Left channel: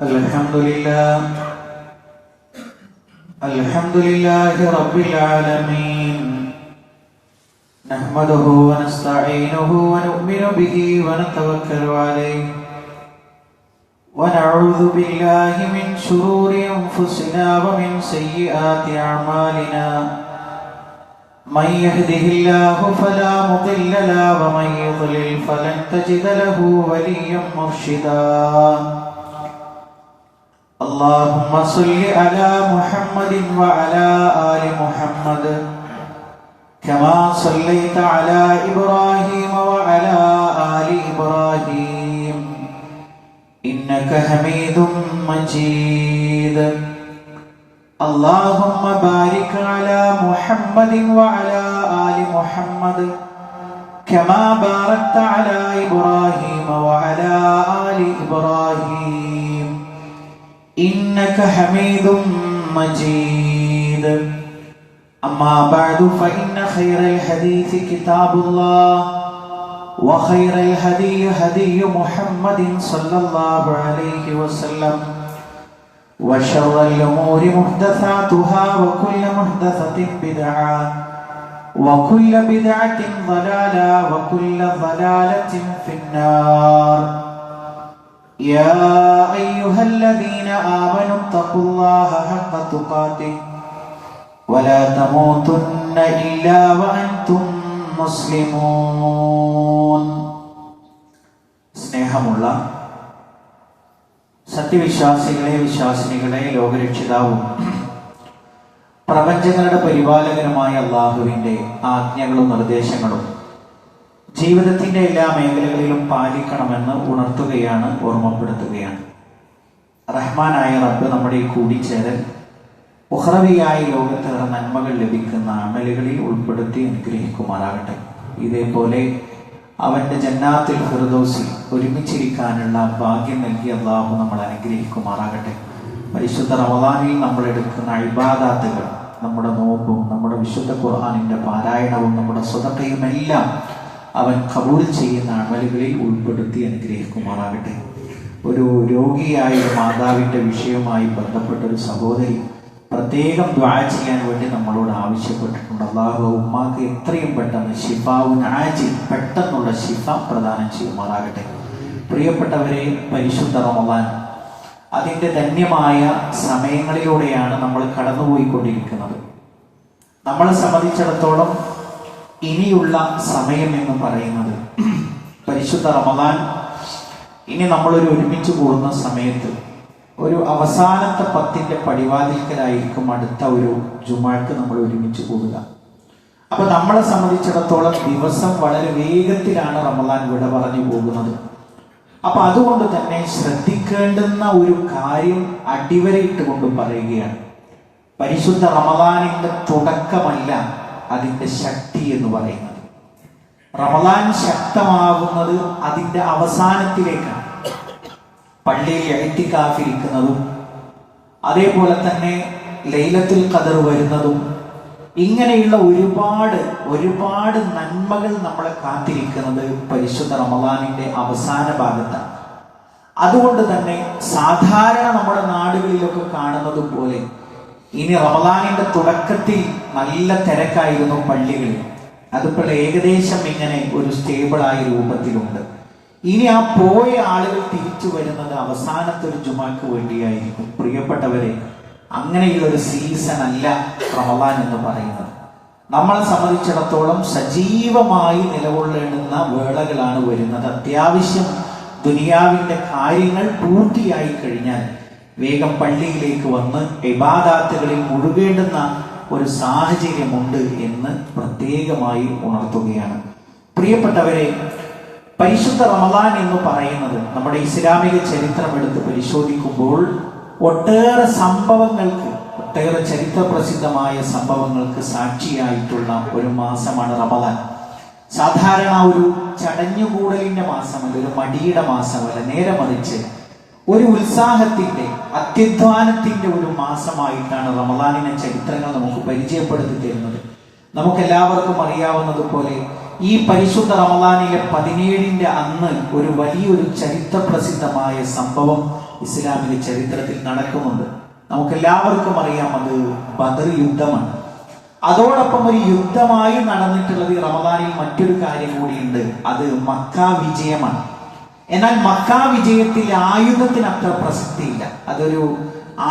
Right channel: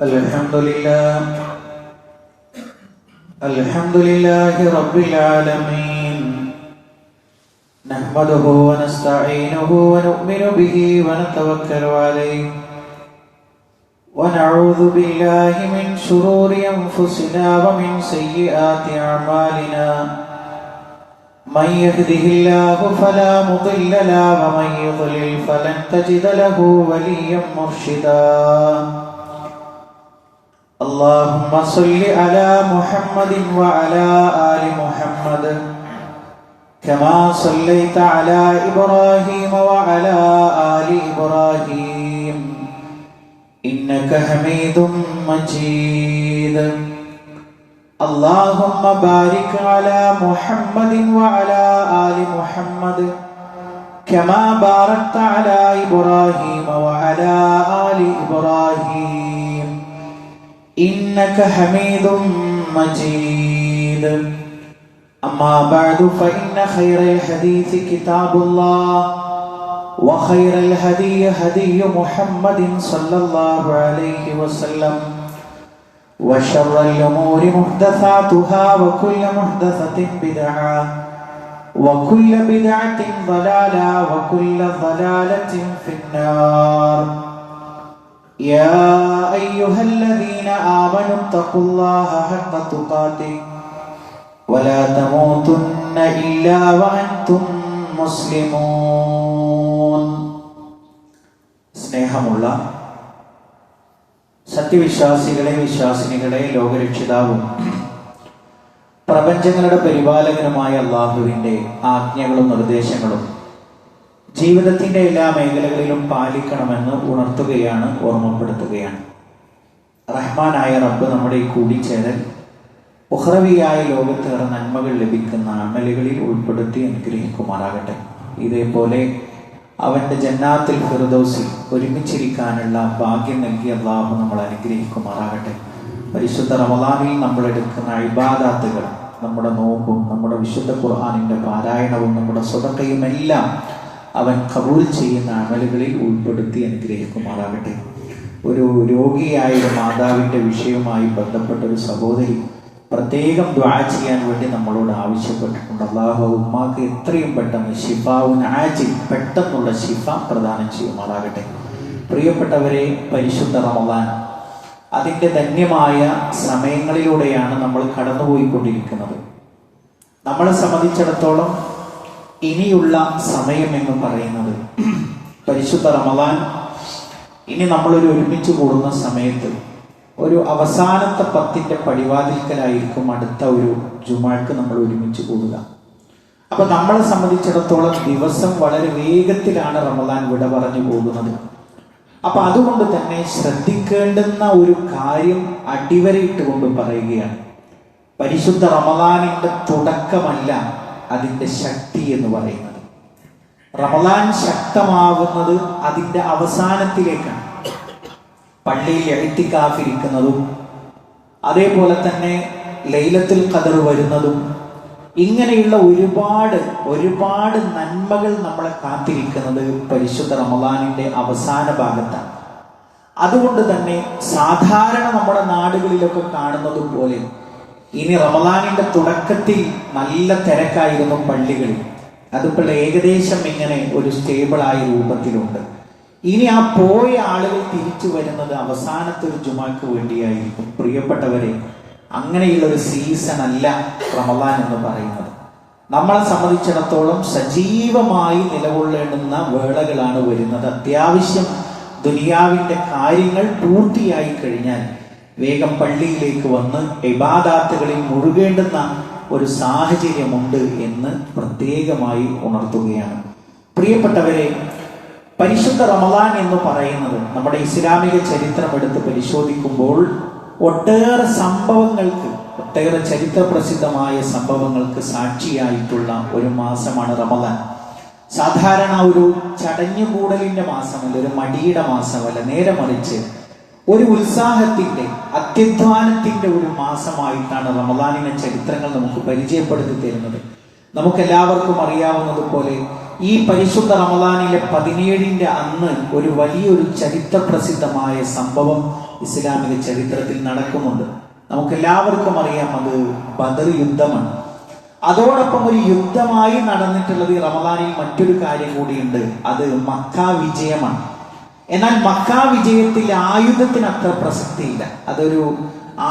الحمد لله رب العالمين، نحمده ونستعينه ونؤمن به ونتوكل عليه، ونعوذ بالله من شرور أنفسنا ومن سيئات أعمالنا. من يهده الله فلا مضل له ومن يضلل فلن تجد له وليا مرشدا. اللهم صل على محمد وعلى آل محمد كما صليت على إبراهيم وعلى آل إبراهيم إنك حميد مجيد. اللهم بارك على محمد وعلى آل محمد كما باركت على إبراهيم وعلى آل إبراهيم إنك حميد مجيد. أما بعد فإن خير الحديث كتاب الله، وخير الهدي هدي محمد صلى الله عليه وسلم، وشر الأمور محدثاتها، وكل محدثة بدعة، وكل بدعة ضلالة، وكل ضلالة في النار. يا أيها الذين آمنوا اتقوا الله حق تقاته ولا تموتن إلا وأنتم مسلمون. സ്നേഹമുള്ള സത്യവിശ്വാസികളെ, വിശ്വാസിനികളെ, ലോകരക്ഷിതാവും പ്രപഞ്ചങ്ങളുടെ പരിപാലകനുമായ അല്ലാഹുവിന്റെ ആജ്ഞകളും നിർദ്ദേശങ്ങളും ജീവിതത്തിന്റെ എല്ലാ മേഖലകളിലും പാലിക്കണമെന്ന് ഉണർത്തുകയാണ്, ഓർമ്മപ്പെടുത്തുകയാണ്. റഹ്മാനായ റബ്ബ് നമ്മുടെ ഈ കൂടിച്ചേരൽ ഉഖ്റവിയായ ലോകത്തേറെ നന്മകൾ ലഭിക്കുന്ന അമലുകളിൽ ഉൾപ്പെടുത്തി അനുഗ്രഹിക്കുമാറാകട്ടെ. ഇതേപോലെ അവന്റെ ജന്നാത്തുൽ ഫിർദൗസിൽ ഒരുമിച്ചിരിക്കാനുള്ള ഭാഗ്യം നൽകി അല്ലാഹു നമ്മളെ അനുഗ്രഹിക്കുമാറാകട്ടെ. പരിശുദ്ധ റമദാനിൽ നമ്മൾ എടുക്കുന്ന ഇബാദാത്തുകൾ, നമ്മുടെ നോമ്പും നമ്മുടെ വിശുദ്ധ ഖുർആനിന്റെ പാരായണവും നമ്മുടെ സ്വതക്കയും എല്ലാം അവൻ ഖബൂൽ ചെയ്യുന്ന അമലുകളിൽ ഉൾപ്പെടുത്തി അനുഗ്രഹിക്കുമാറാകട്ടെ. ഒരു രോഗിയായ മാതാവിന്റെ വിഷയവുമായി ബന്ധപ്പെട്ട ഒരു സഹോദരി പ്രത്യേകം ദുആ ചെയ്യാൻ വേണ്ടി നമ്മളോട് ആവശ്യപ്പെട്ടിട്ടുണ്ട്. അല്ലാഹു ഉമ്മാക്ക് എത്രയും പെട്ടെന്ന് ശിഫാഉൻ ആജിൽ, പെട്ടെന്നുള്ള ശിഫ പ്രദാനം ചെയ്യുമാറാകട്ടെ. പ്രിയപ്പെട്ടവരെ, പരിശുദ്ധ റമദാൻ അതിന്റെ ധന്യമായ സമയങ്ങളിലൂടെയാണ് നമ്മൾ കടന്നുപോയിക്കൊണ്ടിരിക്കുന്നത്. നമ്മളെ സംബന്ധിച്ചിടത്തോളം ഇനിയുള്ള സമയം എന്ന് പറയുന്നത് പരിശുദ്ധ റമദാൻ ഇനി നമ്മളൊരു ഒരുമിച്ച് കൂടുന്ന സമയത്ത് ഒരു അവസാനത്തെ 10ന്റെ പടിവാതിൽക്കലായിരിക്കും അടുത്ത ഒരു ജുമാക്ക് നമ്മൾ ഒരുമിച്ച് കൂടുക. അപ്പൊ നമ്മളെ സംബന്ധിച്ചിടത്തോളം ദിവസം വളരെ വേഗത്തിലാണ് റമദാൻ വിട പറഞ്ഞു പോകുന്നത്. അപ്പൊ അതുകൊണ്ട് തന്നെ ശ്രദ്ധിക്കേണ്ടുന്ന ഒരു കാര്യം അടിവരയിട്ടുകൊണ്ട് പറയുകയാണ്. പരിശുദ്ധ റമദാനിന്റെ തുടക്കമല്ല അതിന്റെ ശക്തി എന്ന് പറയുന്നത്. റമദാൻ ശക്തമാവുന്നത് അതിന്റെ അവസാനത്തിലേക്കാണ്. പള്ളിയിൽ ഇഅ്തികാഫിരിക്കുന്നതും അതേപോലെ തന്നെ ലൈലത്തുൽ ഖദർ വരുന്നതും ഇങ്ങനെയുള്ള ഒരുപാട് നന്മകൾ നമ്മളെ കാത്തിരിക്കുന്നത് പരിശുദ്ധ റമദാനിന്റെ അവസാന ഭാഗത്താണ്. അതുകൊണ്ട് തന്നെ സാധാരണ നമ്മുടെ നാടുകളിലൊക്കെ കാണുന്നത് പോലെ ഇനി റമദാനിന്റെ തുടക്കത്തിൽ നല്ല തിരക്കായിരുന്നു പള്ളികളിൽ. അതിപ്പോൾ ഏകദേശം ഇങ്ങനെ ഒരു സ്റ്റേബിളായ രൂപത്തിലുണ്ട്. ഇനി ആ പോയ ആളുകൾ തിരിച്ചു വരുന്നത് അവസാനത്തെ ഒരു ജുമാക്ക് വേണ്ടിയായിരിക്കും. പ്രിയപ്പെട്ടവരെ, അങ്ങനെയുള്ള ഒരു സീസൺ അല്ല റമദാൻ എന്ന് പറയുന്നത്. നമ്മളെ സംബന്ധിച്ചിടത്തോളം സജീവമായി നിലകൊള്ളേണ്ടുന്ന വേളകളാണ് വരുന്നത്. അത്യാവശ്യം ദുനിയാവിന്റെ കാര്യങ്ങൾ പൂർത്തിയായി കഴിഞ്ഞാൽ വേഗം പള്ളിയിലേക്ക് വന്ന് ഇബാദാത്തുകളിൽ മുഴുകേണ്ടുന്ന ഒരു സാഹചര്യമുണ്ട് എന്ന് പ്രത്യേകമായി ഉണർത്തുകയാണ്. പ്രിയപ്പെട്ടവരെ, പരിശുദ്ധ റമദാൻ എന്ന് പറയുന്നത് നമ്മുടെ ഇസ്ലാമിക ചരിത്രം എടുത്ത് പരിശോധിക്കുമ്പോൾ ഒട്ടേറെ ചരിത്ര പ്രസിദ്ധമായ സംഭവങ്ങൾക്ക് സാക്ഷിയായിട്ടുള്ള ഒരു മാസമാണ് റമദാൻ. സാധാരണ ഒരു ചടഞ്ഞുകൂടലിന്റെ മാസമല്ല, ഒരു മടിയുടെ മാസമല്ല, നേരെ മറിച്ച് ഒരു ഉത്സാഹത്തിന്റെ, അത്യധ്വാനത്തിന്റെ ഒരു മാസമായിട്ടാണ് റമദാനിനെ ചരിത്രങ്ങൾ നമുക്ക് പരിചയപ്പെടുത്തി തരുന്നത്. നമുക്കെല്ലാവർക്കും അറിയാവുന്നതുപോലെ ഈ പരിശുദ്ധ റമദാനിലെ 17-ന്റെ അന്ന് ഒരു വലിയൊരു ചരിത്ര പ്രസിദ്ധമായ സംഭവം ഇസ്ലാമിക ചരിത്രത്തിൽ നടക്കുന്നുണ്ട്. നമുക്കെല്ലാവർക്കും അറിയാം, അത് ബദർ യുദ്ധമാണ്. അതോടൊപ്പം ഒരു യുദ്ധമായി നടന്നിട്ടുള്ളത് ഈ റമദാനിൽ മറ്റൊരു കാര്യം കൂടിയുണ്ട്, അത് മക്ക വിജയമാണ്. എന്നാൽ മക്ക വിജയത്തിൽ ആയുധത്തിന് അത്ര പ്രസക്തിയില്ല. അതൊരു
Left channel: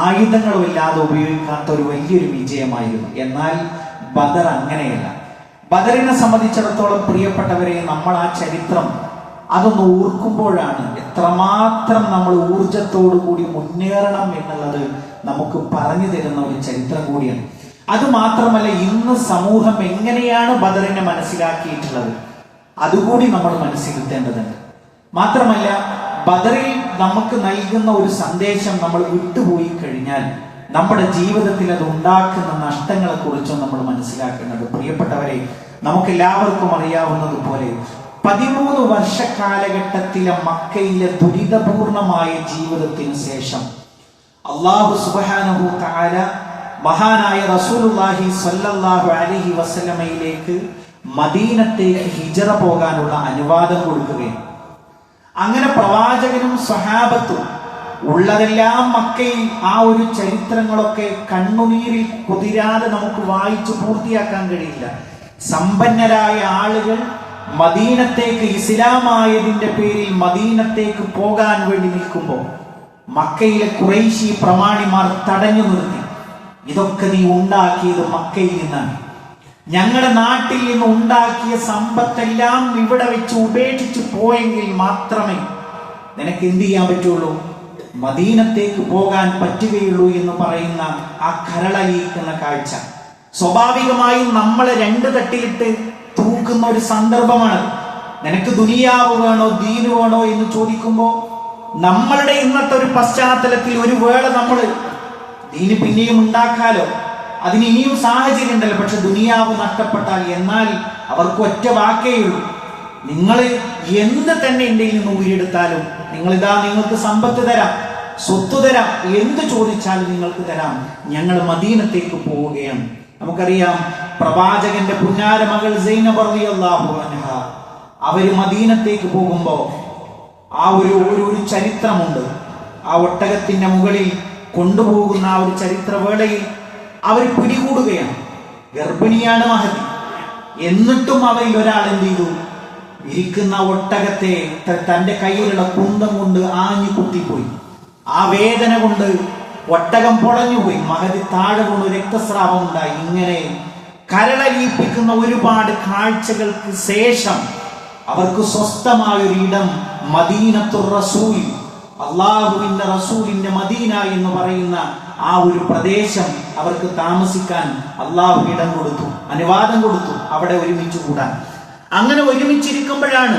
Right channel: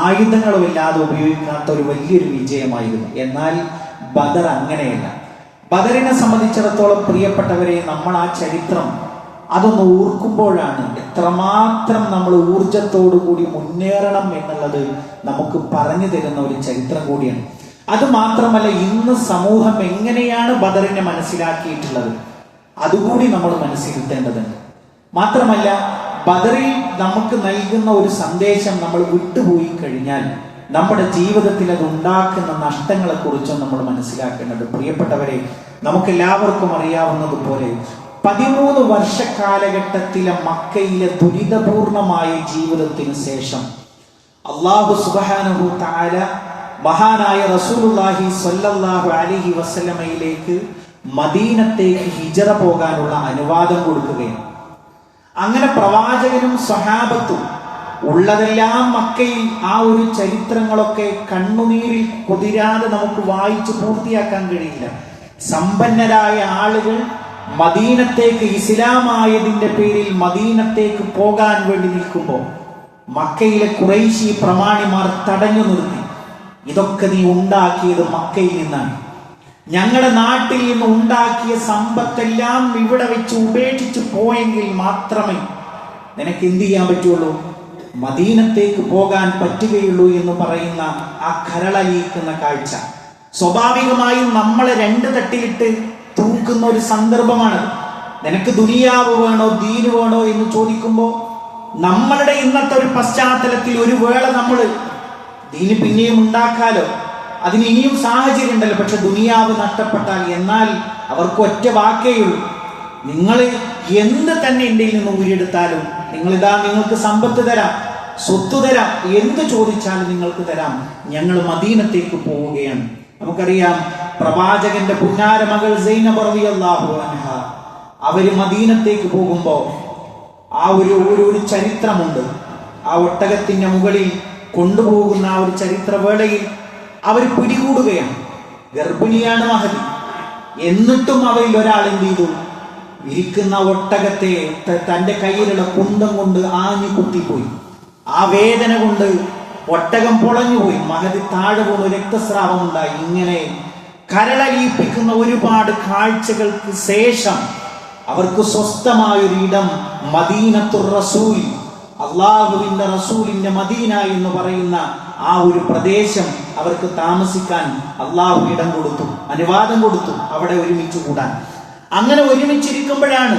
ആയുധങ്ങളുമില്ലാതെ ഉപയോഗിക്കാത്ത ഒരു വലിയൊരു വിജയമായിരുന്നു. എന്നാൽ ബദർ അങ്ങനെയല്ല. ബദറിനെ സംബന്ധിച്ചിടത്തോളം പ്രിയപ്പെട്ടവരെ, നമ്മൾ ആ ചരിത്രം അതൊന്ന് ഓർക്കുമ്പോഴാണ് എത്രമാത്രം നമ്മൾ ഊർജത്തോടു കൂടി മുന്നേറണം എന്നുള്ളത് നമുക്ക് പറഞ്ഞു തരുന്ന ഒരു ചരിത്രം കൂടിയാണ്. അത് മാത്രമല്ല, ഇന്ന് സമൂഹം എങ്ങനെയാണ് ബദറിനെ മനസ്സിലാക്കിയിട്ടുള്ളത് അതുകൂടി നമ്മൾ മനസ്സിരുത്തേണ്ടതുണ്ട്. മാത്രമല്ല, ബദറിൽ നമുക്ക് നൽകുന്ന ഒരു സന്ദേശം നമ്മൾ വിട്ടുപോയി കഴിഞ്ഞാൽ നമ്മുടെ ജീവിതത്തിൽ അത് ഉണ്ടാക്കുന്ന നഷ്ടങ്ങളെ കുറിച്ചും നമ്മൾ മനസ്സിലാക്കേണ്ടത്. പ്രിയപ്പെട്ടവരെ, നമുക്കെല്ലാവർക്കും അറിയാവുന്നതുപോലെ 13 വർഷ കാലഘട്ടത്തിലെ മക്കയിലെ ദുരിതപൂർണമായ ജീവിതത്തിന് ശേഷം അല്ലാഹു സുബ്ഹാനഹു തആല മഹാനായ റസൂലുള്ളാഹി സ്വല്ലല്ലാഹു അലൈഹി വസല്ലമയിലേക്ക് മദീനത്തേക്ക് ഹിജറ പോകാനുള്ള അനുവാദം കൊടുക്കുകയും അങ്ങനെ പ്രവാചകനും സ്വഹാബത്തും ഉള്ളതെല്ലാം മക്കയിൽ ആ ഒരു ചരിത്രങ്ങളൊക്കെ കണ്ണുനീരിൽ കുതിരാതെ നമുക്ക് വായിച്ചു പൂർത്തിയാക്കാൻ കഴിയില്ല. സമ്പന്നരായ ആളുകൾ മദീനത്തേക്ക്, ഇസ്ലാമായതിന്റെ പേരിൽ മദീനത്തേക്ക് പോകാൻ വേണ്ടി നിൽക്കുമ്പോൾ മക്കയിലെ ഖുറൈശി പ്രമാണിമാർ തടഞ്ഞു നിർത്തി. ഇതൊക്കെ നീ ഉണ്ടാക്കിയത് മക്കയിൽ നിന്നാണ്. ഞങ്ങളുടെ നാട്ടിൽ നിന്ന് ഉണ്ടാക്കിയ സമ്പത്തെല്ലാം ഇവിടെ വെച്ച് ഉപേക്ഷിച്ച് പോയെങ്കിൽ മാത്രമേ നിനക്ക് എന്ത് ചെയ്യാൻ പറ്റുള്ളൂ, മദീനത്തേക്ക് പോകാൻ പറ്റുകയുള്ളൂ എന്ന് പറയുന്ന ആ കരളലിയിക്കുന്ന കാഴ്ച സ്വാഭാവികമായും നമ്മളെ 2 തട്ടിലിട്ട് തൂക്കുന്ന ഒരു സന്ദർഭമാണ്. നിനക്ക് ദുനിയാവ് വേണോ ദീന് വേണോ എന്ന് ചോദിക്കുമ്പോ നമ്മളുടെ ഇന്നത്തെ ഒരു പശ്ചാത്തലത്തിൽ ഒരു വേള നമ്മള് ദീന് പിന്നെയും ഉണ്ടാക്കാലോ, അതിന് ഇനിയും സാഹചര്യം ഉണ്ടല്ലോ, പക്ഷെ ദുനിയാവ് നഷ്ടപ്പെട്ടാൽ, എന്നാൽ അവർക്ക് ഒറ്റ വാക്കേയുള്ളൂ, നിങ്ങൾ എന്ത് തന്നെ എൻ്റെ നിന്ന് ഊരിയെടുത്താലും നിങ്ങൾക്ക് സമ്പത്ത് തരാം, സ്വത്ത് തരാം, എന്ത് ചോദിച്ചാലും നിങ്ങൾക്ക് തരാം, ഞങ്ങൾ മദീനത്തേക്ക് പോവുകയാണ്. നമുക്കറിയാം, പ്രവാചകന്റെ പുന്നാര മകൾ സൈനബ റളിയല്ലാഹു അൻഹ അവര് മദീനത്തേക്ക് പോകുമ്പോ ആ ഒരു ചരിത്രമുണ്ട്. ആ ഒട്ടകത്തിന്റെ മുകളിൽ കൊണ്ടുപോകുന്ന ആ ഒരു ചരിത്രവേളയിൽ അവർ പിടികൂടുകയാണ്. ഗർഭിണിയാണ് മഹദി. എന്നിട്ടും അവരിൽ ഒരാൾ എന്ത് ചെയ്തു, ഇരിക്കുന്ന ഒട്ടകത്തെ തന്റെ കയ്യിലുള്ള കുന്തം കൊണ്ട് ആഞ്ഞു കുത്തിപ്പോയി. ആ വേദന കൊണ്ട് ഒട്ടകം പൊളഞ്ഞുപോയി. മഹദി താഴെ വീണു, രക്തസ്രാവം ഉണ്ടായി. ഇങ്ങനെ കരളലിയിപ്പിക്കുന്ന ഒരുപാട് കാഴ്ചകൾക്ക് ശേഷം അവർക്ക് സ്വസ്ഥമായൊരു ഇടം മദീനത്തുർ റസൂൽ, അള്ളാഹുവിന്റെ റസൂലിന്റെ മദീന എന്ന് പറയുന്ന ആ ഒരു പ്രദേശം അവർക്ക് താമസിക്കാൻ അള്ളാഹു ഇടം കൊടുത്തു, അനുവാദം കൊടുത്തു അവിടെ ഒരുമിച്ച് കൂടാൻ. അങ്ങനെ ഒരുമിച്ചിരിക്കുമ്പോഴാണ്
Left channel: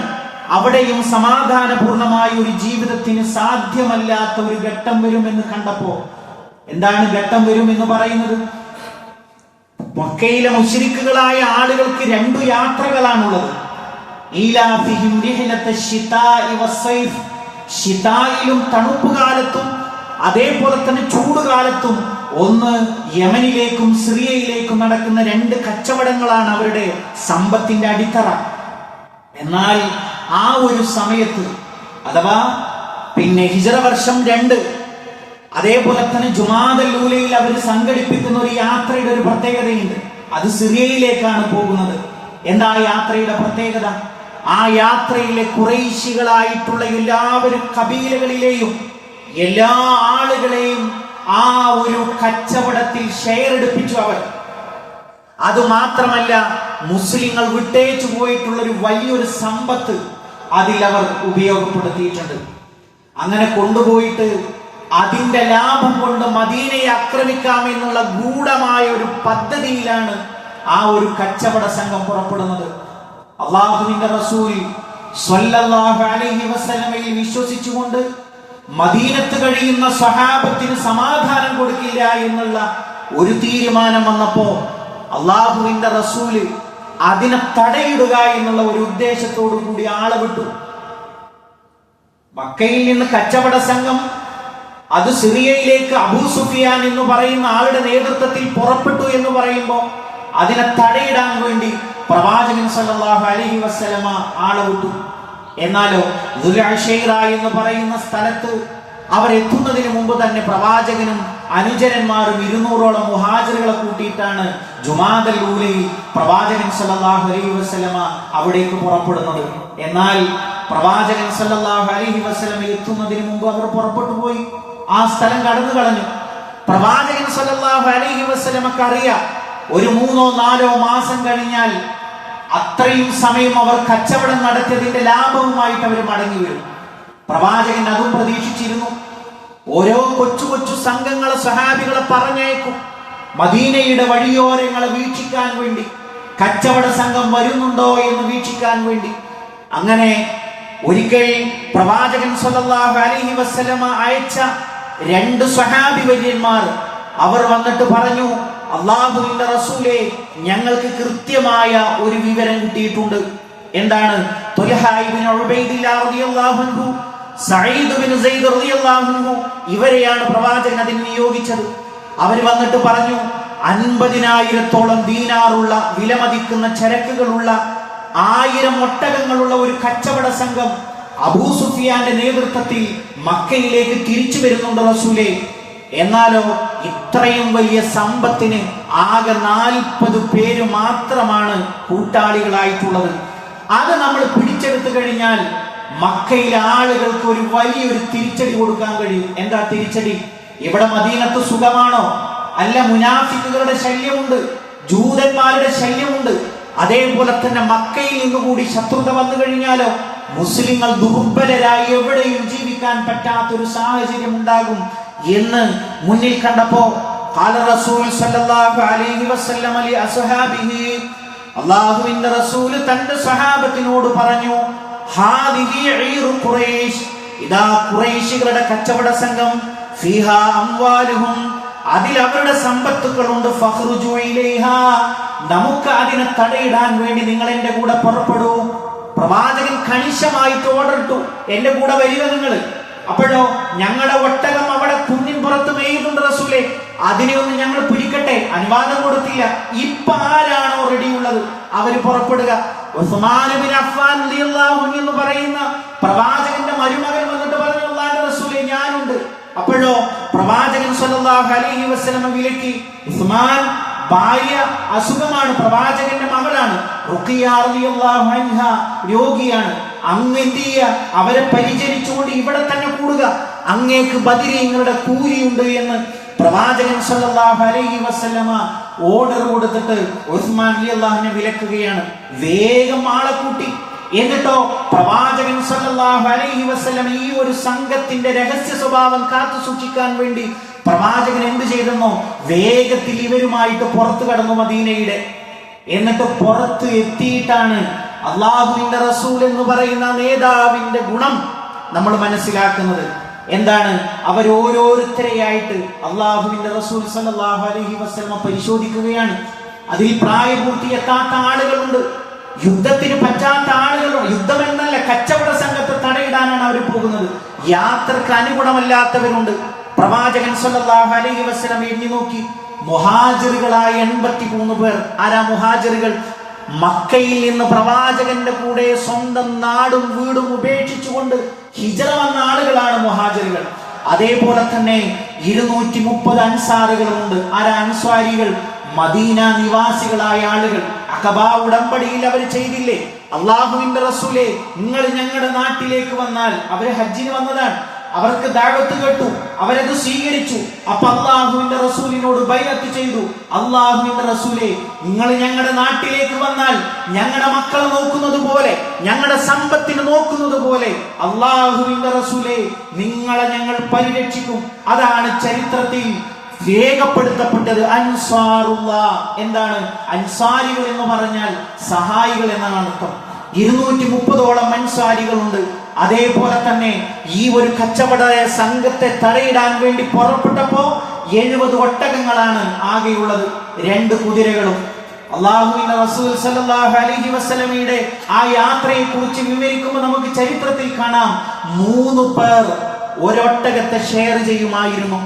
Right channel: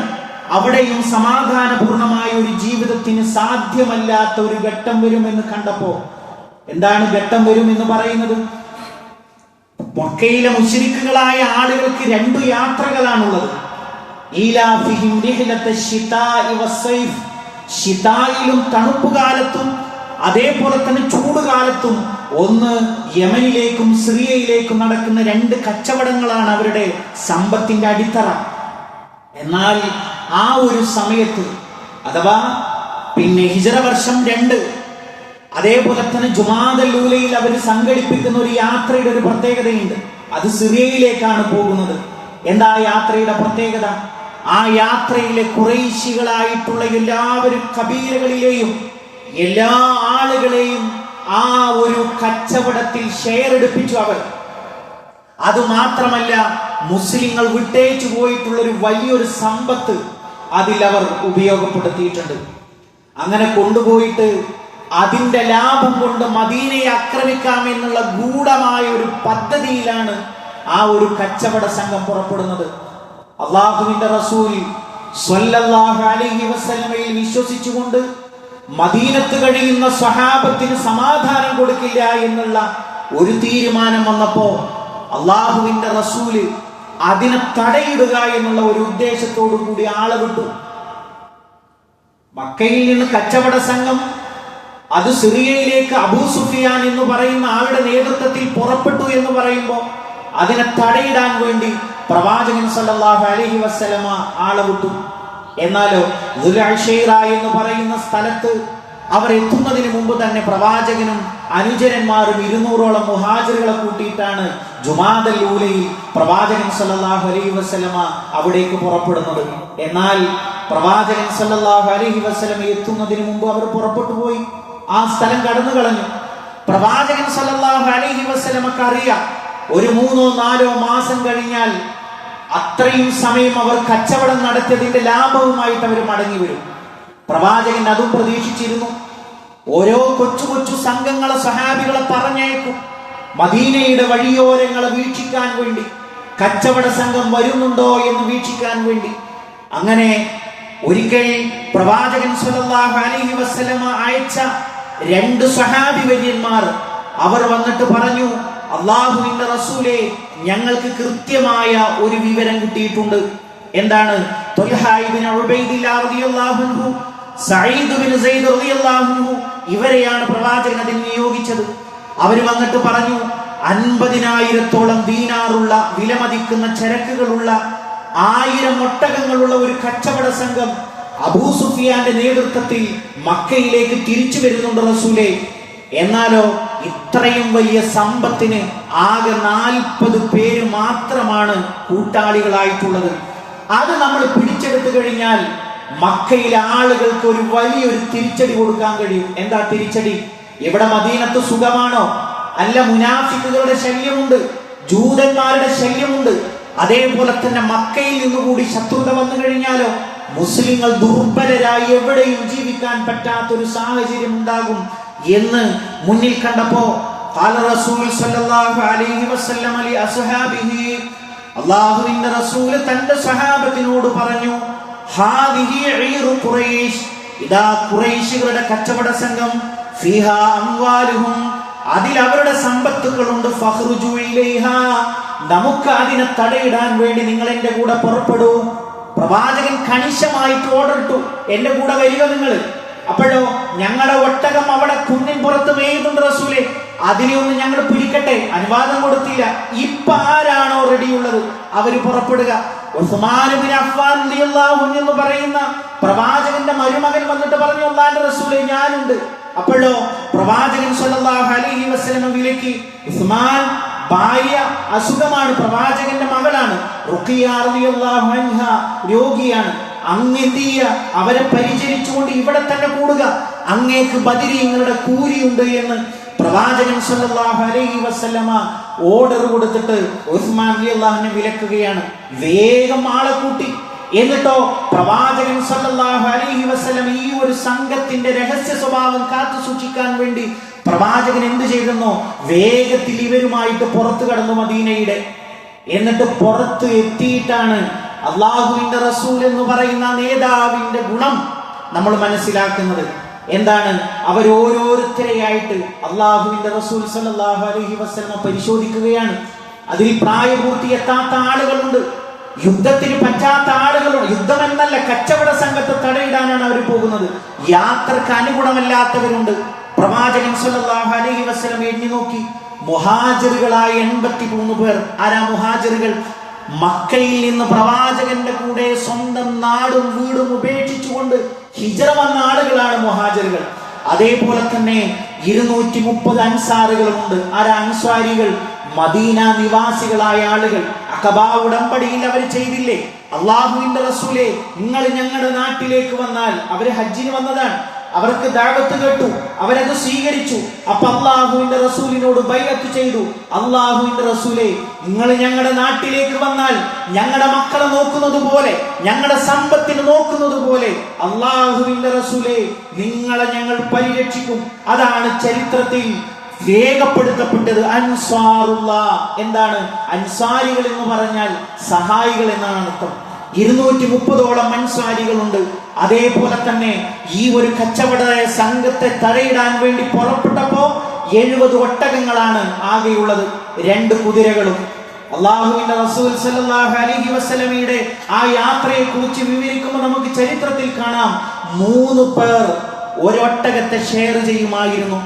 അവിടെയും സമാധാനപൂർണമായ ഒരു ജീവിതത്തിന് സാധ്യമല്ലാത്ത ഒരു ഘട്ടം വരുമെന്ന് കണ്ടപ്പോ, എന്താണ് ഘട്ടം വരുമെന്ന് പറയുന്നത്? മക്കയിലെ മുശ്രിക്കുകളായ ആളുകൾക്ക് 2 യാത്രകളാണുള്ളത്. ശിതായിലും തണുപ്പ് കാലത്തും അതേപോലെ തന്നെ ചൂടുകാലത്തും ഒന്ന് യമനിലേക്കും സിറിയയിലേക്കും നടക്കുന്ന 2 കച്ചവടങ്ങളാണ് അവരുടെ സമ്പത്തിന്റെ അടിത്തറ. എന്നാൽ ആ ഒരു സമയത്ത്, അഥവാ ഹിജ്റ വർഷം 2, അതേപോലെ തന്നെ ജുമാദൽ ഊലയിൽ അവർ സംഘടിപ്പിക്കുന്ന ഒരു യാത്രയുടെ ഒരു പ്രത്യേകതയുണ്ട്. അത് സിറിയയിലേക്കാണ് പോകുന്നത്. എന്താ യാത്രയുടെ പ്രത്യേകത? ആ യാത്രയിലെ ഖുറൈശികളായിട്ടുള്ള എല്ലാവരും കബീലകളിലെയും എല്ലാ ആളുകളെയും ആ ഒരു കച്ചവടത്തിൽ ഷെയർ എടുപ്പിച്ചു അവർ. അതുമാത്രമല്ല, മുസ്ലിങ്ങൾ വിട്ടേച്ചു പോയിട്ടുള്ള ഒരു വലിയൊരു സമ്പത്ത് അതിൽ അവർ ഉപയോഗപ്പെടുത്തിയിട്ടുണ്ട്. അങ്ങനെ കൊണ്ടുപോയിട്ട് അതിന്റെ ലാഭം കൊണ്ട് മദീനയെ ആക്രമിക്കാമെന്നുള്ള ഗൂഢമായ ഒരു പദ്ധതിയിലാണ് ആ ഒരു കച്ചവട സംഘം പുറപ്പെടുന്നത്. അള്ളാഹുവിന്റെ റസൂൽ സ്വല്ലല്ലാഹു അലൈഹി വസല്ലമയിൽ വിശ്വസിച്ചുകൊണ്ട് മദീനത്ത് കഴിയുന്ന സ്വഹാബത്തിന് സമാധാനം കൊടുക്കില്ല എന്നുള്ള ഒരു തീരുമാനം വന്നപ്പോ അള്ളാഹുവിന്റെ റസൂല് അതിനെ തടയിടുക എന്നുള്ള ഒരു ഉദ്ദേശത്തോടു കൂടി ആളെ വിട്ടു. മക്കയിൽ നിന്ന് കച്ചവട സംഘം അത് സിറിയയിലേക്ക് അബൂ സുഫിയാൻ എന്ന് പറയുന്ന ആളുടെ നേതൃത്വത്തിൽ പുറപ്പെട്ടു എന്ന് പറയുമ്പോൾ അതിനെ തടയിടാൻ വേണ്ടി പ്രവാചകൻ സല്ലല്ലാഹു അലൈഹി വസല്ലമ ആളെ വിട്ടു. എന്നാലോ ദുൽഅശൈറ എന്ന് പറയുന്ന സ്ഥലത്ത് അവർ എത്തുന്നതിന് മുമ്പ് തന്നെ പ്രവാചകനും അനുചരന്മാരും 200ഓളം മുഹാജിറുകളെ കൂട്ടിയിട്ടാണ് ജുമാദൽ ഊലയിൽ പ്രവാചകൻ സല്ലല്ലാഹു അലൈഹി വസല്ലമ അവിടേക്ക് പുറപ്പെടുന്നത്. എന്നാൽ പ്രവാചകൻ സല്ലല്ലാഹു അലൈഹി വസല്ലമ എത്തുന്നതിന് മുമ്പ് അവർ പുറപ്പെട്ടു പോയി, ആ സ്ഥലം കടന്നു കളഞ്ഞു. പ്രവാചകൻ സല്ലല്ലാഹു അലൈഹി വസല്ലമക്ക് അറിയാം, ഒരു 3-4 മാസം കഴിഞ്ഞാൽ അത്രയും സമയം അവർ കച്ചവടം നടത്തിയതിന്റെ ലാഭവുമായിട്ട് അവർ മടങ്ങി വരും. പ്രവാചകൻ അതും പ്രതീക്ഷിച്ചിരുന്നു. ഓരോ കൊച്ചു കൊച്ചു സംഘങ്ങളെ സ്വഹാബികളെ പറഞ്ഞയക്കും മദീനയുടെ വഴിയോരങ്ങളെ വീക്ഷിക്കാൻ വേണ്ടി, കച്ചവട സംഘം വരുന്നുണ്ടോ എന്ന് വീക്ഷിക്കാൻ വേണ്ടി. അങ്ങനെ ഒരിക്കൽ പ്രവാചകൻ സല്ലല്ലാഹു അലൈഹി വസല്ലമ അയച്ച 2 സ്വഹാബി വര്യന്മാർ അവർ വന്നിട്ട് പറഞ്ഞു, അല്ലാഹുവിന്റെ റസൂലേ, ഞങ്ങൾക്ക് കൃത്യമായ ഒരു വിവരം കിട്ടിയിട്ടുണ്ട്. എന്താണ്? ത്വൽഹ ഇബ്നു ഉബൈദില്ലാഹ് റളിയല്ലാഹു അൻഹു, സഈദ് ഇബ്നു സൈദ് റളിയല്ലാഹു അൻഹു, ഇവരെയാണ് പ്രവാചകൻ അതിന് നിയോഗിച്ചത്. അവർ വന്നിട്ട് പറഞ്ഞു, 50,000-ഓളം ദീനാറുള്ള വിലമതിക്കുന്ന ചരക്കുകളുള്ള 1000 ഒട്ടകങ്ങളുള്ള ഒരു കച്ചവട സംഘം അബൂ സുഫിയാന്റെ നേതൃത്വത്തിൽ മക്കയിലേക്ക് തിരിച്ചു വരുന്നുണ്ട് റസൂലേ. എന്നാലോ ഇത്രയും വലിയ സമ്പത്തിന് ആകെ 40 പേര് മാത്രമാണ് കൂട്ടാളികളായിട്ടുള്ളത്. അത് നമ്മൾ പിടിച്ചെടുത്തു കഴിഞ്ഞാൽ മക്കയിലെ ആളുകൾക്ക് ഒരു വലിയൊരു തിരിച്ചടി കൊടുക്കാൻ കഴിയും. എന്താ തിരിച്ചടി? ഇവിടെ മദീനത്ത് സുഖമാണോ? അല്ല, മുനാഫിക്കുകളുടെ ശല്യമുണ്ട്, ജൂതന്മാരുടെ ശല്യമുണ്ട്. അതേപോലെ തന്നെ മക്കയിൽ നിന്നുകൂടി ശത്രുത വന്നു കഴിഞ്ഞാലോ മുസ്ലിങ്ങൾ ദുർബലരായി എവിടെയും ജീവിക്കാൻ പറ്റാത്തൊരു സാഹചര്യം ഉണ്ടാകും എന്ന് മുന്നിൽ കണ്ടപ്പോ ഖാല റസൂൽ സല്ലല്ലാഹു അലൈഹി വസല്ലം ലി അസ്ഹാബിഹി, അല്ലാഹുവിന്റെ റസൂൽ തന്റെ സ്വഹാബത്തിനോട് പറഞ്ഞു, ഹാദിഹി ഈറു ഖുറൈശ്, ഇദാ ഖുറൈശികളുടെ കച്ചവട സംഘം, ഫീഹാ അംവാലുഹും, അതിൽ അവരുടെ സമ്പത്തുകളുണ്ട്, ഫഖ്റുജു ഇലൈഹാ, നമുക്ക് അതിനെ തടയിടാൻ വേണ്ടി നിങ്ങൾ എന്റെ കൂടെ പുറപ്പെടൂ. പ്രവാചകൻ കണിശമായിട്ട് ഓർഡർ ഇട്ടു, എന്റെ കൂടെ വരിക നിങ്ങൾ. അപ്പോഴോ ഞങ്ങളുടെ ഒട്ടകം അവിടെ കുന്നിൻ പുറത്ത് മേയുന്നുണ്ട് റസൂലേ, അതിനെയൊന്ന് ഞങ്ങൾ പിടിക്കട്ടെ. അനുവാദം കൊടുത്തില്ല. ഇപ്പൊ ആരാണോ റെഡിയുള്ളത് അവര് പുറപ്പെടുക. ഉസ്മാൻ ഇബ്നു അഫ്ഫാൻ റളിയല്ലാഹു അൻഹു എന്ന് പറയുന്ന പ്രവാചകന്റെ മരുമകൻ വന്നിട്ട് പറഞ്ഞു, അല്ലാഹുവിന്റെ റസൂലേ, ഞാനുണ്ട്. അപ്പോഴോ പ്രവാചകൻ സല്ലല്ലാഹു അലൈഹി വസല്ലം വിലക്കി. ഉസ്മാൻ ഭാര്യ അസുഖമാണ്, പ്രവാചകന്റെ മകളാണ്, റുഖിയ റളിയല്ലാഹു അൻഹ രോഗിയാണ്. അങ്ങ് എന്ത് ചെയ്യുക? അവരെ പരിചരിച്ചുകൊണ്ട് ഇവിടെ തന്നെ കൂടുക, അങ്ങേക്ക് ബദരീങ്ങളുടെ കൂലിയുണ്ട് എന്ന് പ്രവാചകൻ സല്ലല്ലാഹു അലൈഹി വസല്ലമ ഓർഡർ കൊടുത്തിട്ട് ഉസ്മാൻ റളിയല്ലാഹു അൻഹു വിലക്കുകയാണ്. വേഗം ആളെ കൂട്ടി. എന്നിട്ടോ പ്രവാചകൻ സല്ലല്ലാഹു അലൈഹി വസല്ലം ഈ ഒരു സംഘത്തിന്റെ രഹസ്യ സ്വഭാവം കാത്തു സൂക്ഷിക്കാൻ വേണ്ടി പ്രവാചകൻ എന്ത് ചെയ്തെന്നോ, വേഗത്തിൽ ഇവരുമായിട്ട് പുറത്തു കടന്നു മദീനയുടെ. എന്നിട്ട് പുറത്ത് എത്തിയിട്ടാണ് അള്ളാഹുവിന്റെ റസൂൽ എന്ന് പറയുന്ന നേതാവിന്റെ ഗുണം നമ്മൾ മനസ്സിലാക്കുന്നത്. എന്താണ്? അവരോരോരുത്തരെയായിട്ട് അള്ളാഹുവിന്റെ റസൂൽ സല്ലല്ലാഹു അലൈഹി വസല്ലം പരിശോധിക്കുകയാണ്. അതിൽ പ്രായപൂർത്തി എത്താത്ത ആളുകളുണ്ട്, യുദ്ധത്തിന് പറ്റാത്ത ആളുകളുണ്ട്. യുദ്ധമെന്നല്ല, കച്ചവട സംഘത്തെ തടയിടാനാണ് അവർ പോകുന്നത്. യാത്രക്ക് അനുഗുണമല്ലാത്തവരുണ്ട്. പ്രവാചകൻ സല്ലല്ലാഹു അലൈഹി വസല്ലം എണ്ണി നോക്കി, മുഹാജിറുകളായ 83 പേർ. ആരാ മുഹാജിറുകൾ? മക്കയിൽ നിന്ന് പ്രവാചകന്റെ കൂടെ സ്വന്തം നാടും വീടും ഉപേക്ഷിച്ചുകൊണ്ട് ഹിജ്റ വന്ന ആളുകളാണ് മുഹാജിറുകൾ. അതേപോലെ തന്നെ 230 അൻസാറുകളുണ്ട്. ആരാ അൻസ്വാരികൾ? മദീന നിവാസികളായ ആളുകൾ. അഖബ ഉടമ്പടിയിൽ അവർ ചെയ്തില്ലേ, അള്ളാഹുവിന്റെ റസൂലേ, നിങ്ങൾ ഞങ്ങളുടെ നാട്ടിലേക്ക് വന്നാൽ, അവര് ഹജ്ജിന് വന്നതാണ്, അവർക്ക് ദഅവത്ത് കേട്ടു, അവരത് സ്വീകരിച്ചു. അപ്പൊ അള്ളാഹുവിന്റെ റസൂലിനോട് ബൈഅത്ത് ചെയ്തു, അള്ളാഹുവിന്റെ റസൂലേ, നിങ്ങൾ ഞങ്ങളുടെ നാട്ടിലേക്ക് വന്നാൽ ഞങ്ങളുടെ മക്കളെ നോക്കുന്നത് പോലെ, ഞങ്ങളുടെ സമ്പത്തിന് നോക്കുന്നത് പോലെ അള്ളാഹുവിന്റെ റസൂലേ, നിങ്ങളെ ഞങ്ങൾ പരിരക്ഷിക്കും. അതാണ് ചരിത്രത്തിൽ രേഖപ്പെടുത്തപ്പെട്ടത്. അൻസാറുള്ള. എന്താണ് അൻസാരികൾ എന്ന് പറഞ്ഞാൽ? സഹായികൾ എന്നാണ് അർത്ഥം. 230ഓളം അൻസാരികളുണ്ട്. അതേപോലെ തന്നെ ഈ ഒരു കച്ചവട സംഘത്തെ തടയിടാൻ വേണ്ടി പുറപ്പെട്ടപ്പോ 70 ഒട്ടകങ്ങളാണ് ആകെയുള്ളത്, 2 കുതിരകളും. അള്ളാഹുവിന്റെ റസൂൽ സല്ലല്ലാഹു അലൈഹി വസല്ലമയുടെ ആ യാത്രയെ കുറിച്ച് വിവരിക്കുമ്പോൾ നമുക്ക് ചരിത്രത്തിൽ കാണാം, 3 പേർ ഒരൊട്ടകത്തെ ഷെയർ ചെയ്യുമായിരുന്നു.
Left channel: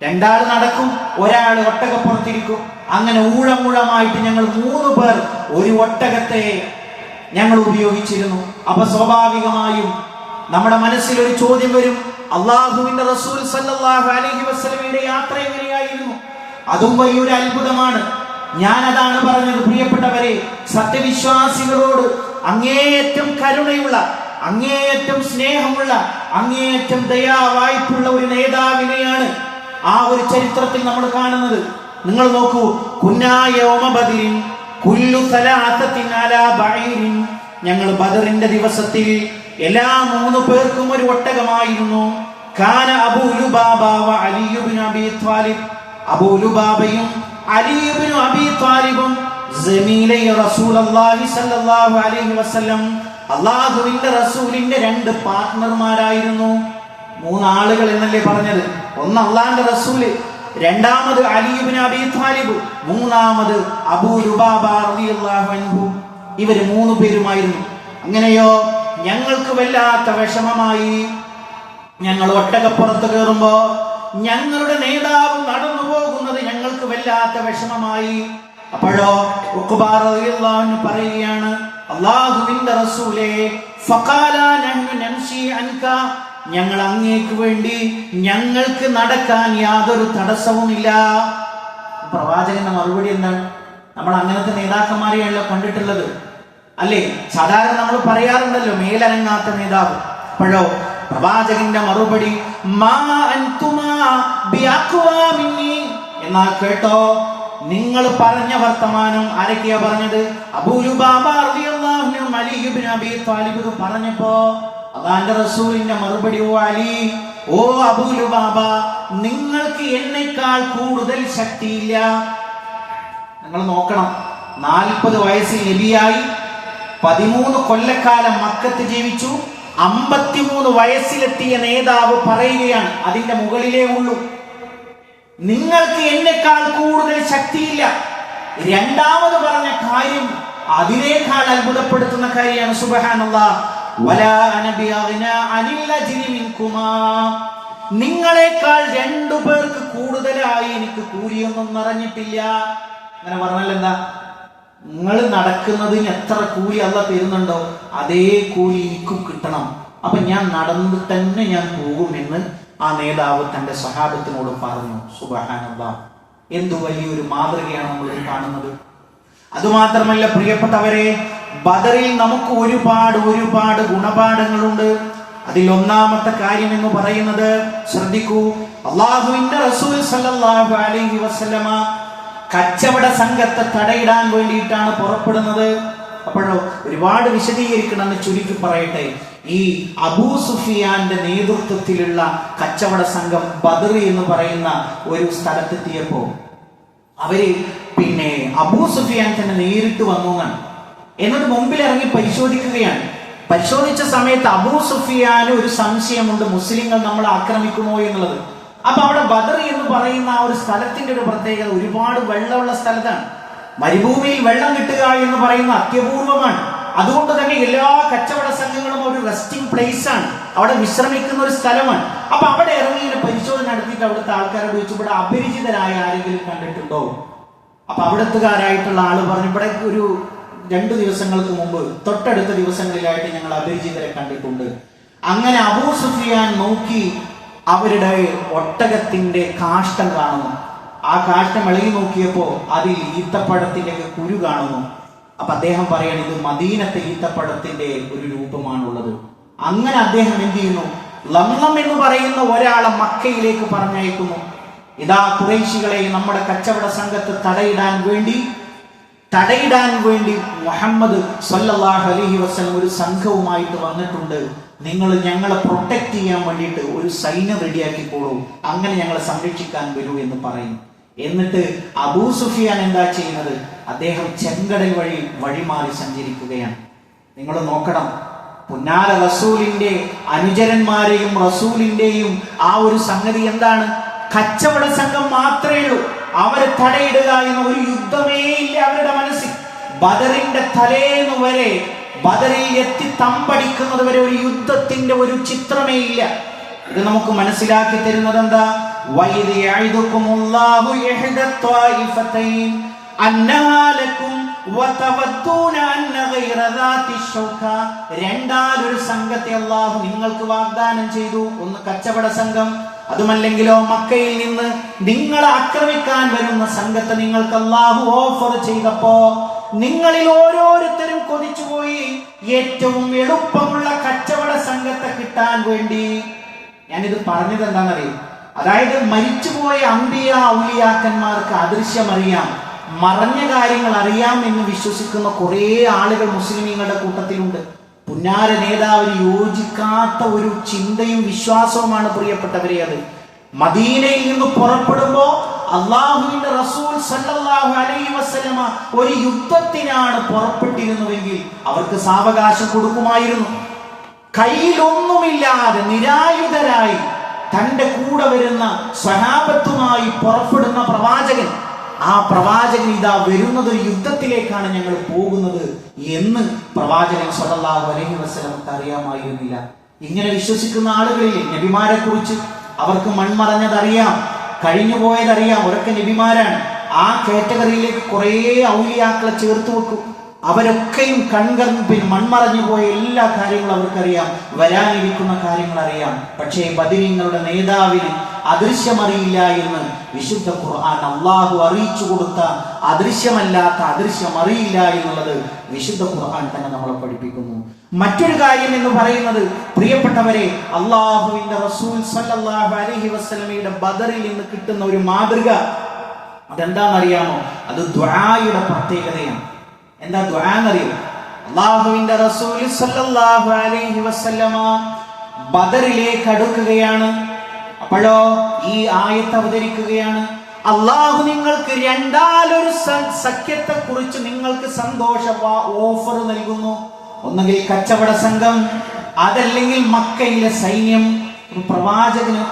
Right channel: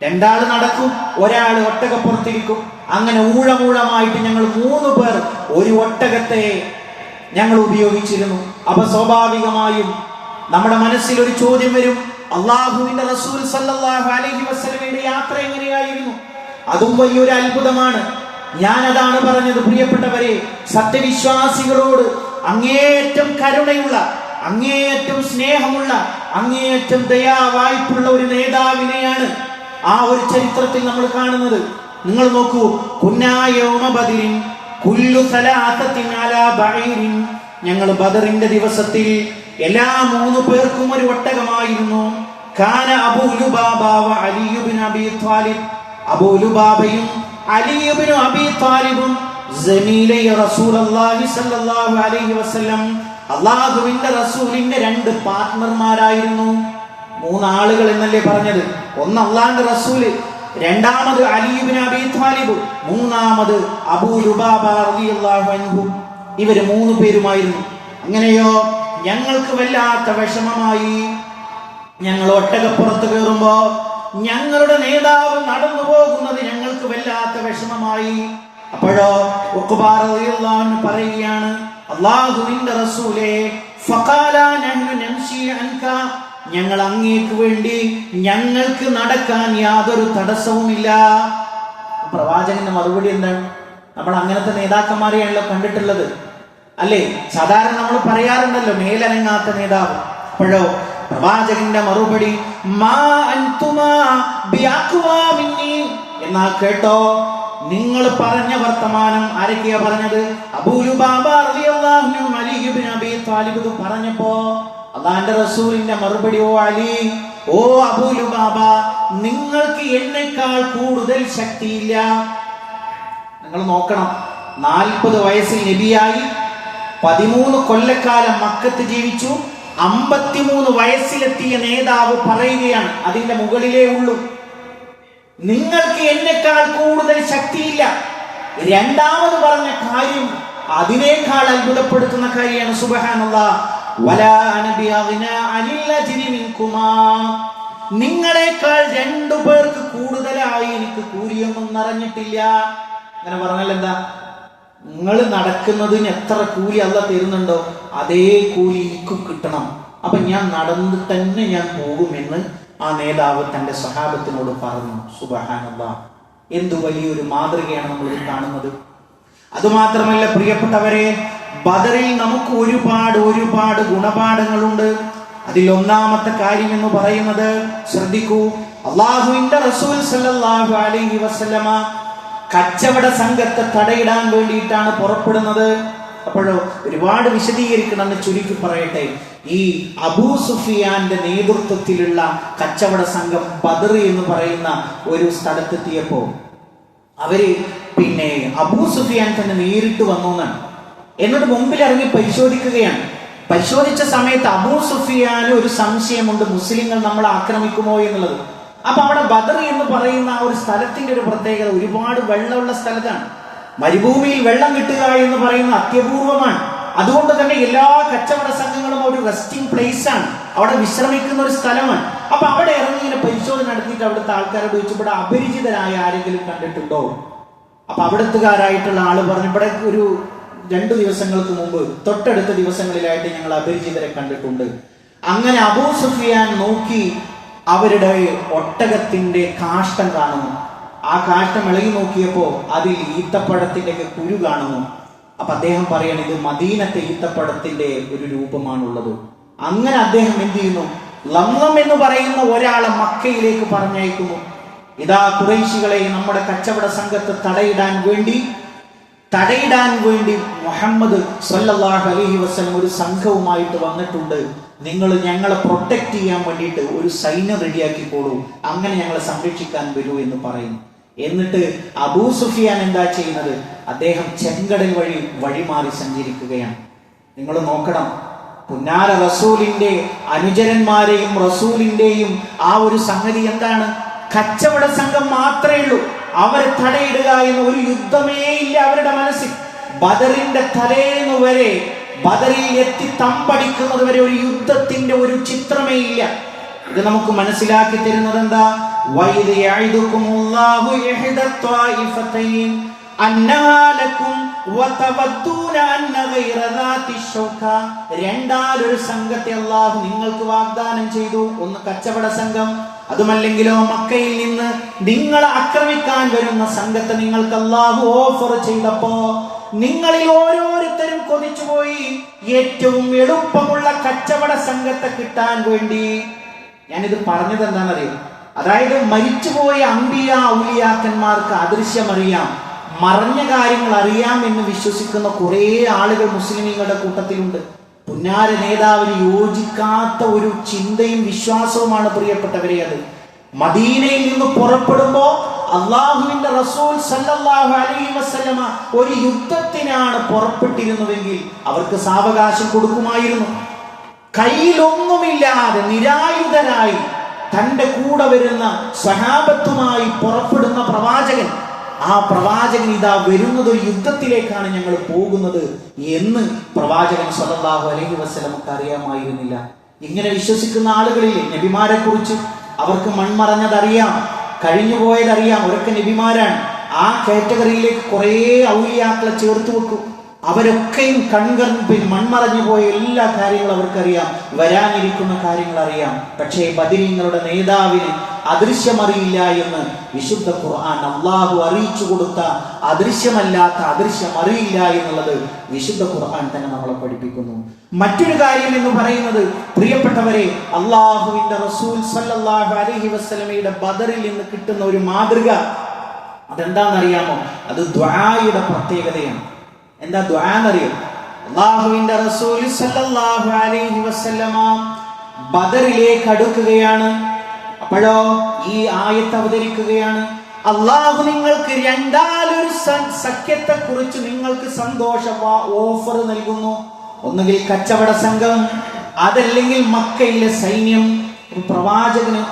2 ആള് നടക്കും, 1 ആള് ഒട്ടകപ്പുറത്തിരിക്കും. അങ്ങനെ ഊഴമൂഴമായിട്ട് ഞങ്ങൾ 3 പേർ ഒരു ഒട്ടകത്തെ ഞങ്ങൾ ഉപയോഗിച്ചിരുന്നു. അപ്പൊ സ്വാഭാവികമായും നമ്മുടെ മനസ്സിൽ ഒരു ചോദ്യം വരും, അള്ളാഹുവിന്റെ റസൂൽ സല്ലല്ലാഹു അലൈഹി വസല്ലമയുടെ യാത്ര എങ്ങനെയായിരുന്നു? അതും വലിയൊരു അത്ഭുതമാണ്. ഞാൻ അതാണ് പറഞ്ഞത്, പ്രിയപ്പെട്ടവരെ, സത്യവിശ്വാസികളോട് അങ്ങേയറ്റം കരുണയുള്ള, അങ്ങേയറ്റം സ്നേഹമുള്ള, അങ്ങേയറ്റം ദയാവായ്പുള്ള ഒരു നേതാവിനെയാണ് ആ ഒരു ചരിത്രത്തിൽ നമ്മൾ കാണുന്നത്. നിങ്ങൾ നോക്കൂ, ഞങ്ങൾ ബദറിന്റെ ദിവസത്തിൽ എല്ലാ 3 പേർക്കും ഒരു ഒട്ടകമായിരുന്നു. കാന അബൂ ലുബാബ വ അലി ഇബ്നു അബീ ത്വാലിബ്, അബൂ ലുബാബയും അലി ഇബ്നു അബീ ത്വാലിബും സമീലൈ റസൂലുള്ളാഹി സ്വല്ലല്ലാഹു അലൈഹി വസല്ലം, അല്ലാഹുവിന്റെ റസൂലിന്റെ 2 പാർട്ട്ണർമാരായിരുന്നു. 3 ആളുകൾ എന്നല്ലേ പറഞ്ഞത്? ഒന്ന് അല്ലാഹുവിന്റെ റസൂല്, രണ്ടാമത് അലി ഇബ്നു അബീ ത്വാലിബ്, മൂന്നാമത് അബൂ ലുബാബ റളിയല്ലാഹു അൻഹു. ഇവര് 3 പേരുമായിരുന്നു. അങ്ങനെയോ ഞങ്ങൾക്ക് വല്ലാത്ത വിഷമമായി. ഞങ്ങൾ ഒട്ടകപ്പുറത്ത് കയറുമ്പോ ഞങ്ങളുടെ നേതാവ് നടന്നു പോകുന്നത് ഞങ്ങൾക്ക് വല്ലാത്ത വിഷമമായി. അപ്പോഴോ ഉഖ്ബാ റളിയല്ലാഹു അൻഹു പറയുകയാണ്, അല്ലാഹുവിന്റെ റസൂലേ, ഫഖാലാ നഹ്നു നംശി അൻക, ഞങ്ങൾ അങ്ങേക്ക് വേണ്ടി ഞങ്ങൾക്ക് നടക്കാൻ യാതൊരു തടസ്സവുമില്ല. പ്രവാചകന്റെ മറുപടി എന്താണ്? നമ്മൾ അങ്ങനത്തെ നേതാക്കന്മാരെയാണല്ലോ കണ്ടിട്ടുള്ളത്, അല്ലേ? സാധാരണ നമ്മൾ പറയാറുണ്ടല്ലോ മേലനങ്ങാത്ത നേതാവ്. അപ്പോഴോ പ്രവാചകന്റെ മറുപടി, മാ അൻതുമാ ബിഅഖ്വാ മിന്നി. എന്നാൽ കേട്ടോ, നിങ്ങൾ പറഞ്ഞ വർത്തമാനം ആരൊക്കെയാ പറഞ്ഞത്? അബൂ ലുബാബ റളിയല്ലാഹു അൻഹു അലി ഇബ്നു അബീ ത്വാലിബ് പറഞ്ഞപ്പോ അല്ലാഹുവിന്റെ റസൂലിന്റെ മറുപടി, ഓ അലി, ഓ അബൂ ലുബാബ, നിങ്ങൾക്ക് എന്നെക്കാൾ കൂടുതൽ ശക്തിയില്ല. നിങ്ങൾ നോക്കണം, 40 വയസ്സിൽ നബിയായി, 13 കൊല്ലക്കാലം മക്കത്ത് ജീവിച്ചു, 53 വയസ്സിലെത്തിയ നേതാവ് പറയുകയാണ്, അതിന്റെ മുകളിലേ ഉള്ളൂ, നിങ്ങൾക്ക് എന്നെക്കാൾ കൂടുതൽ ശക്തിയില്ല. രണ്ടാമത് പറഞ്ഞ കാര്യം അതിനേക്കാൾ അത്ഭുതപ്പെടുത്തുന്ന കാര്യമാണ്. സുബ്ഹാനല്ലാഹ്, വലാ അന ബിഅഗ്നാ അനിൽ അജ്രി മിൻകുമാ, നിങ്ങളെക്കാൾ 2 പേർക്ക് കൂടുതലായി എനിക്ക് കൂലിയൊന്നും നിറഞ്ഞിട്ടില്ല. അങ്ങനെ പറഞ്ഞാൽ എന്താ? നിങ്ങൾ നടക്കുന്നതിന് എത്ര കൂലി അല്ലാഹ് തരുന്നുണ്ടോ അതേ കൂലി എനിക്കും കിട്ടണം. അപ്പൊ ഞാൻ നടന്ന് തന്നെ ഞാൻ പോകുമെന്ന് ആ നേതാവ് തന്റെ സ്വഹാബത്തിനോട് പറഞ്ഞു. സുബ്ഹാനല്ലാഹ്, എന്തു വലിയൊരു മാതൃകയാണ് നമ്മൾ കാണുന്നത്. അതുമാത്രമല്ല പ്രിയപ്പെട്ടവരെ, ബദറിൽ നമുക്ക് ഒരുപാട് ഗുണപാഠങ്ങളുണ്ട്. അതിൽ ഒന്നാമത്തെ കാര്യം എന്ന് പറയുന്നത്, ശ്രദ്ധിക്കൂ, അല്ലാഹുവിന്റെ റസൂൽ സല്ലല്ലാഹു അലൈഹി വസല്ലമ കച്ചവട സംഘത്തെ തടയിടാൻ വേണ്ടിയിട്ടാണ് പുറപ്പെടുന്നത്. അപ്പോഴോ ഒരുപാട് വിശദീകരിക്കണമെന്ന് ചുരുക്കി പറയട്ടെ. ഈ അബൂ സുഫിയാന്റെ നേതൃത്വത്തിലുള്ള കച്ചവട സംഘം ബദർ എന്ന് പറയുന്ന ഒരു സ്ഥലത്തെത്തിയപ്പോ അവര് അബൂ സുഫിയാൻ തന്നെ നേരിട്ട് വന്നു എന്നിട്ട് മുമ്പിൽ ഇറങ്ങി പരിശോധിക്കുകയാണ്. പരിശോധിച്ച സമയത്ത് അബൂ സുഫിയാന് ഒരു സംശയമുണ്ട്, മുസ്ലിങ്ങൾ നമ്മളെ ആക്രമിക്കുമോ എന്നുള്ളത്. അപ്പൊ അവിടെ ബദർ എന്ന് പറയുന്ന ആ ഒരു സ്ഥലത്തിന്റെ ഒരു പ്രത്യേകത, ഒരുപാട് വെള്ളമുള്ള സ്ഥലത്താണ്. മരുഭൂമിയിൽ വെള്ളം കിട്ടുക എന്ന് പറയുന്ന അത്യപൂർവമാണ്. അതുകൊണ്ട് തന്നെ എല്ലാ കച്ചവട സംഘങ്ങളും ഒരു റെസ്റ്റിംഗ് പ്ലേസ് ആണ്, അവിടെ വിശ്രമിക്കുന്ന ഒരു സ്ഥലമാണ്. അപ്പൊ അവിടെ ഇറങ്ങി ഇങ്ങനെ പരിശോധന നടത്തിയിട്ട് അവിടുത്തെ ആൾക്കാരോട് ചോദിച്ചു, ഇവിടെ അപരിചിതരായ ആരെങ്കിലും കണ്ടിട്ടുണ്ടോ? അപ്പൊ അവിടുത്തുകാരായിട്ടുള്ള ആള് പറഞ്ഞു, ഇവിടെ ഒരു 2 ദിവസങ്ങൾക്ക് മുമ്പ് തൊട്ടടുത്ത ദിവസങ്ങളിലായിട്ട് ഞങ്ങൾ അപരിചിതരെ കണ്ടിട്ടുണ്ട്. അങ്ങനെ അബൂ സുഫിയാൻ നോക്കി അവരുടെ ഒട്ടകത്തിന്റെ കാഷ്ടം കാണുന്നു. ആ കാഷ്ടം ഇളകി നോക്കിയപ്പോ അതിൽ ഈത്തപ്പഴത്തിന്റെ കുരു കാണുന്നു. അപ്പൊ അദ്ദേഹം പറയാണ്, ഇത് മദീനത്തെ ഈത്തപ്പഴത്തിന്റെ ഒരു രൂപമാണുള്ളത്. അങ്ങനെ അദ്ദേഹം എന്ത് ചെയ്യുന്നു? ലംലം എന്ന് പറയുന്ന ഒരാളെ മക്കയിലേക്ക് പറഞ്ഞയക്കുന്നു. ഇതാ ഖുറൈശികളെ നമ്മുടെ കച്ചവട സംഘത്തെ തടയിടാൻ വേണ്ടി മുഹമ്മദ് സല്ലല്ലാഹു അലൈഹി വസല്ലം ഒരു സംഘവുമായിട്ട് വന്നിട്ടുണ്ട്. നിങ്ങൾ ഞങ്ങളെ പ്രൊട്ടക്ട് ചെയ്യാൻ വേണ്ടിയിട്ട് ഒരു സൈന്യം റെഡിയാക്കിക്കോളൂ, അങ്ങനെ ഞങ്ങളെ സംരക്ഷിക്കാൻ വരൂ എന്ന് പറയും. എന്നിട്ട് അബൂ സുഫിയാൻ എന്താ ചെയ്യുന്നത്? അദ്ദേഹം ചെങ്കടൽ വഴിമാറി സഞ്ചരിക്കുകയാണ്. നിങ്ങൾ നോക്കണം, പുന്നാര റസൂലിന്റെ അനുചരന്മാരെയും റസൂലിന്റെയും ആ ഒരു സംഗതി എന്താണ്? കച്ചവട സംഘം മാത്രമേ ഉള്ളൂ. അവരെ തടയിടുക എന്ന ഒരു യുദ്ധമേ ഇല്ല അവരുടെ മനസ്സിൽ. ബദറിന്റെ തലേന്ന് വരെ, ബദറിൽ എത്തി തമ്പടിക്കുന്നത് വരെ ഒരു യുദ്ധത്തിന്റെ ഒരു ചിത്രമേ ഇല്ല. ഇത് നമുക്ക് മനസ്സിലാക്കി തരുന്നത് എന്താ? വഇദ് യഇദുകുമുല്ലാഹു ഇഹ്ദ ത്വായിഫതൈൻ അന്നഹാ ലക്കും വതവദ്ദൂന അന്ന ഗൈറ ദാതി ശൗക. രണ്ടാലൊരു സംഘത്തെ അല്ലാഹു നിങ്ങൾക്ക് വാഗ്ദാനം ചെയ്തു. ഒന്ന് കച്ചവട സംഘം, അതുമല്ലെങ്കിലോ മക്കയിൽ നിന്ന് നിങ്ങളെ ആക്രമിക്കാൻ വരുന്ന സംഘത്തെ നിങ്ങൾക്ക് അല്ലാഹു ഓഫർ ചെയ്തപ്പോ നിങ്ങളിൽ ഓരോരുത്തരും കൊതിച്ചുപോയി ഏറ്റവും എളുപ്പമുള്ള കച്ചവട സംഘത്തെ കിട്ടാൻ വേണ്ടി. ഞാനിത് പറഞ്ഞത് എന്താണെന്നറിയോ? അതായത് മരിച്ചുപോയ അമ്പിയ ഔലിയാക്കന്മാർക്ക് അദൃശ്യമറിയാം, മറഞ്ഞ കാര്യങ്ങൾ അറിയാം എന്ന് വിശ്വസിക്കുന്ന കുറെ ആളുകൾ മുസ്ലിമീങ്ങളുടെ കൂട്ടത്തിലുണ്ട്. പുന്നാര നേതാവിന് യോജിക്കാത്ത ഒരു ചിന്തയും വിശ്വാസവുമാണ് പ്രിയപ്പെട്ടവരെ അത്. മദീനയിൽ നിന്ന് പുറപ്പെടുമ്പോ അള്ളാഹുവിന്റെ റസൂൽ സല്ലല്ലാഹു അലൈഹി വസല്ലമ ഒരു യുദ്ധത്തിനാണ് പുറപ്പെട്ടിരുന്നതെങ്കിൽ അവർക്ക് സാവകാശം കൊടുക്കുമായിരുന്നു. കയ്യിലൊന്നുമില്ലാതെ നിരായുധരായി തന്റെ കൂടെ വരുന്ന സ്വഹാബത്തുമായി പുറപ്പെടുന്ന പ്രവാചകൻ, ആ പ്രവാചകൻ ഇതാ വരുന്നത് ഒരു യുദ്ധത്തിലേക്കാണ് ഞങ്ങൾ പോകുന്നത് എന്ന് പ്രവാചകൻ സല്ലല്ലാഹു അലൈഹി വസല്ലമക്ക് അറിയാമായിരുന്നില്ല. ഇങ്ങനെ വിശ്വസിക്കുന്ന ആളുകളിലെ നബിമാരെ കുറിച്ച് അവർക്ക് മൺമറഞ്ഞതറിയാം, കഴിഞ്ഞുപോയതറിയാം, അവരൊക്കെ നബിമാരാണ്. ആ കാറ്റഗറിയിലേക്ക് കുറെ ഔലിയാക്കളെ ചേർത്ത് വെക്കും. അവരൊക്കെയും മൺമറഞ്ഞു പോയ എല്ലാ കാര്യങ്ങളും അവർക്കറിയാം, വരാനിരിക്കുന്ന കാര്യങ്ങൾ അറിയാം. പക്ഷേ ബദരീങ്ങളുടെ നേതാവിന് അദൃശ്യമറിയില്ല എന്ന് വിശുദ്ധ ഖുർആൻ അള്ളാഹു അറിയിച്ചു കൊടുത്ത അദൃശ്യമല്ലാത്ത അദൃശ്യം അറിയില്ല എന്നുള്ളത് വിശുദ്ധ ഖുർആൻ തന്നെ നമ്മളെ പഠിപ്പിക്കുന്നു. മറ്റൊരു കാര്യം എന്ന് പറയുന്നത് പ്രിയപ്പെട്ടവരെ, അള്ളാഹുവിന്റെ റസൂൽ സല്ലല്ലാഹു അലൈഹി വസല്ലമയുടെ ബദറിൽ നിന്ന് കിട്ടുന്ന ഒരു മാതൃക അതെന്താണെന്നറിയാമോ? അത് ദുആയുടെ പ്രത്യേകതയാണ്. എന്താ ദുആ എന്നറിയോ? അല്ലാഹുവിന്റെ റസൂൽ സല്ലല്ലാഹു അലൈഹി വസല്ലമ ബദറിലേക്ക് അടുക്കുകയാണ്. അപ്പോഴോ ഈ ആയത്ത് അവതരിക്കുകയാണ്. അല്ലാഹു നിങ്ങൾക്ക് രണ്ടാലൊരു സഖ്യത്തെ കുറിച്ച് നിങ്ങൾക്ക് സന്തോഷ ഓഫർ നൽകുന്നു. ഒന്നുകിൽ കച്ചവട സംഘം, അതല്ലെങ്കിൽ മക്കയിലെ സൈന്യം. പ്രവാചകന്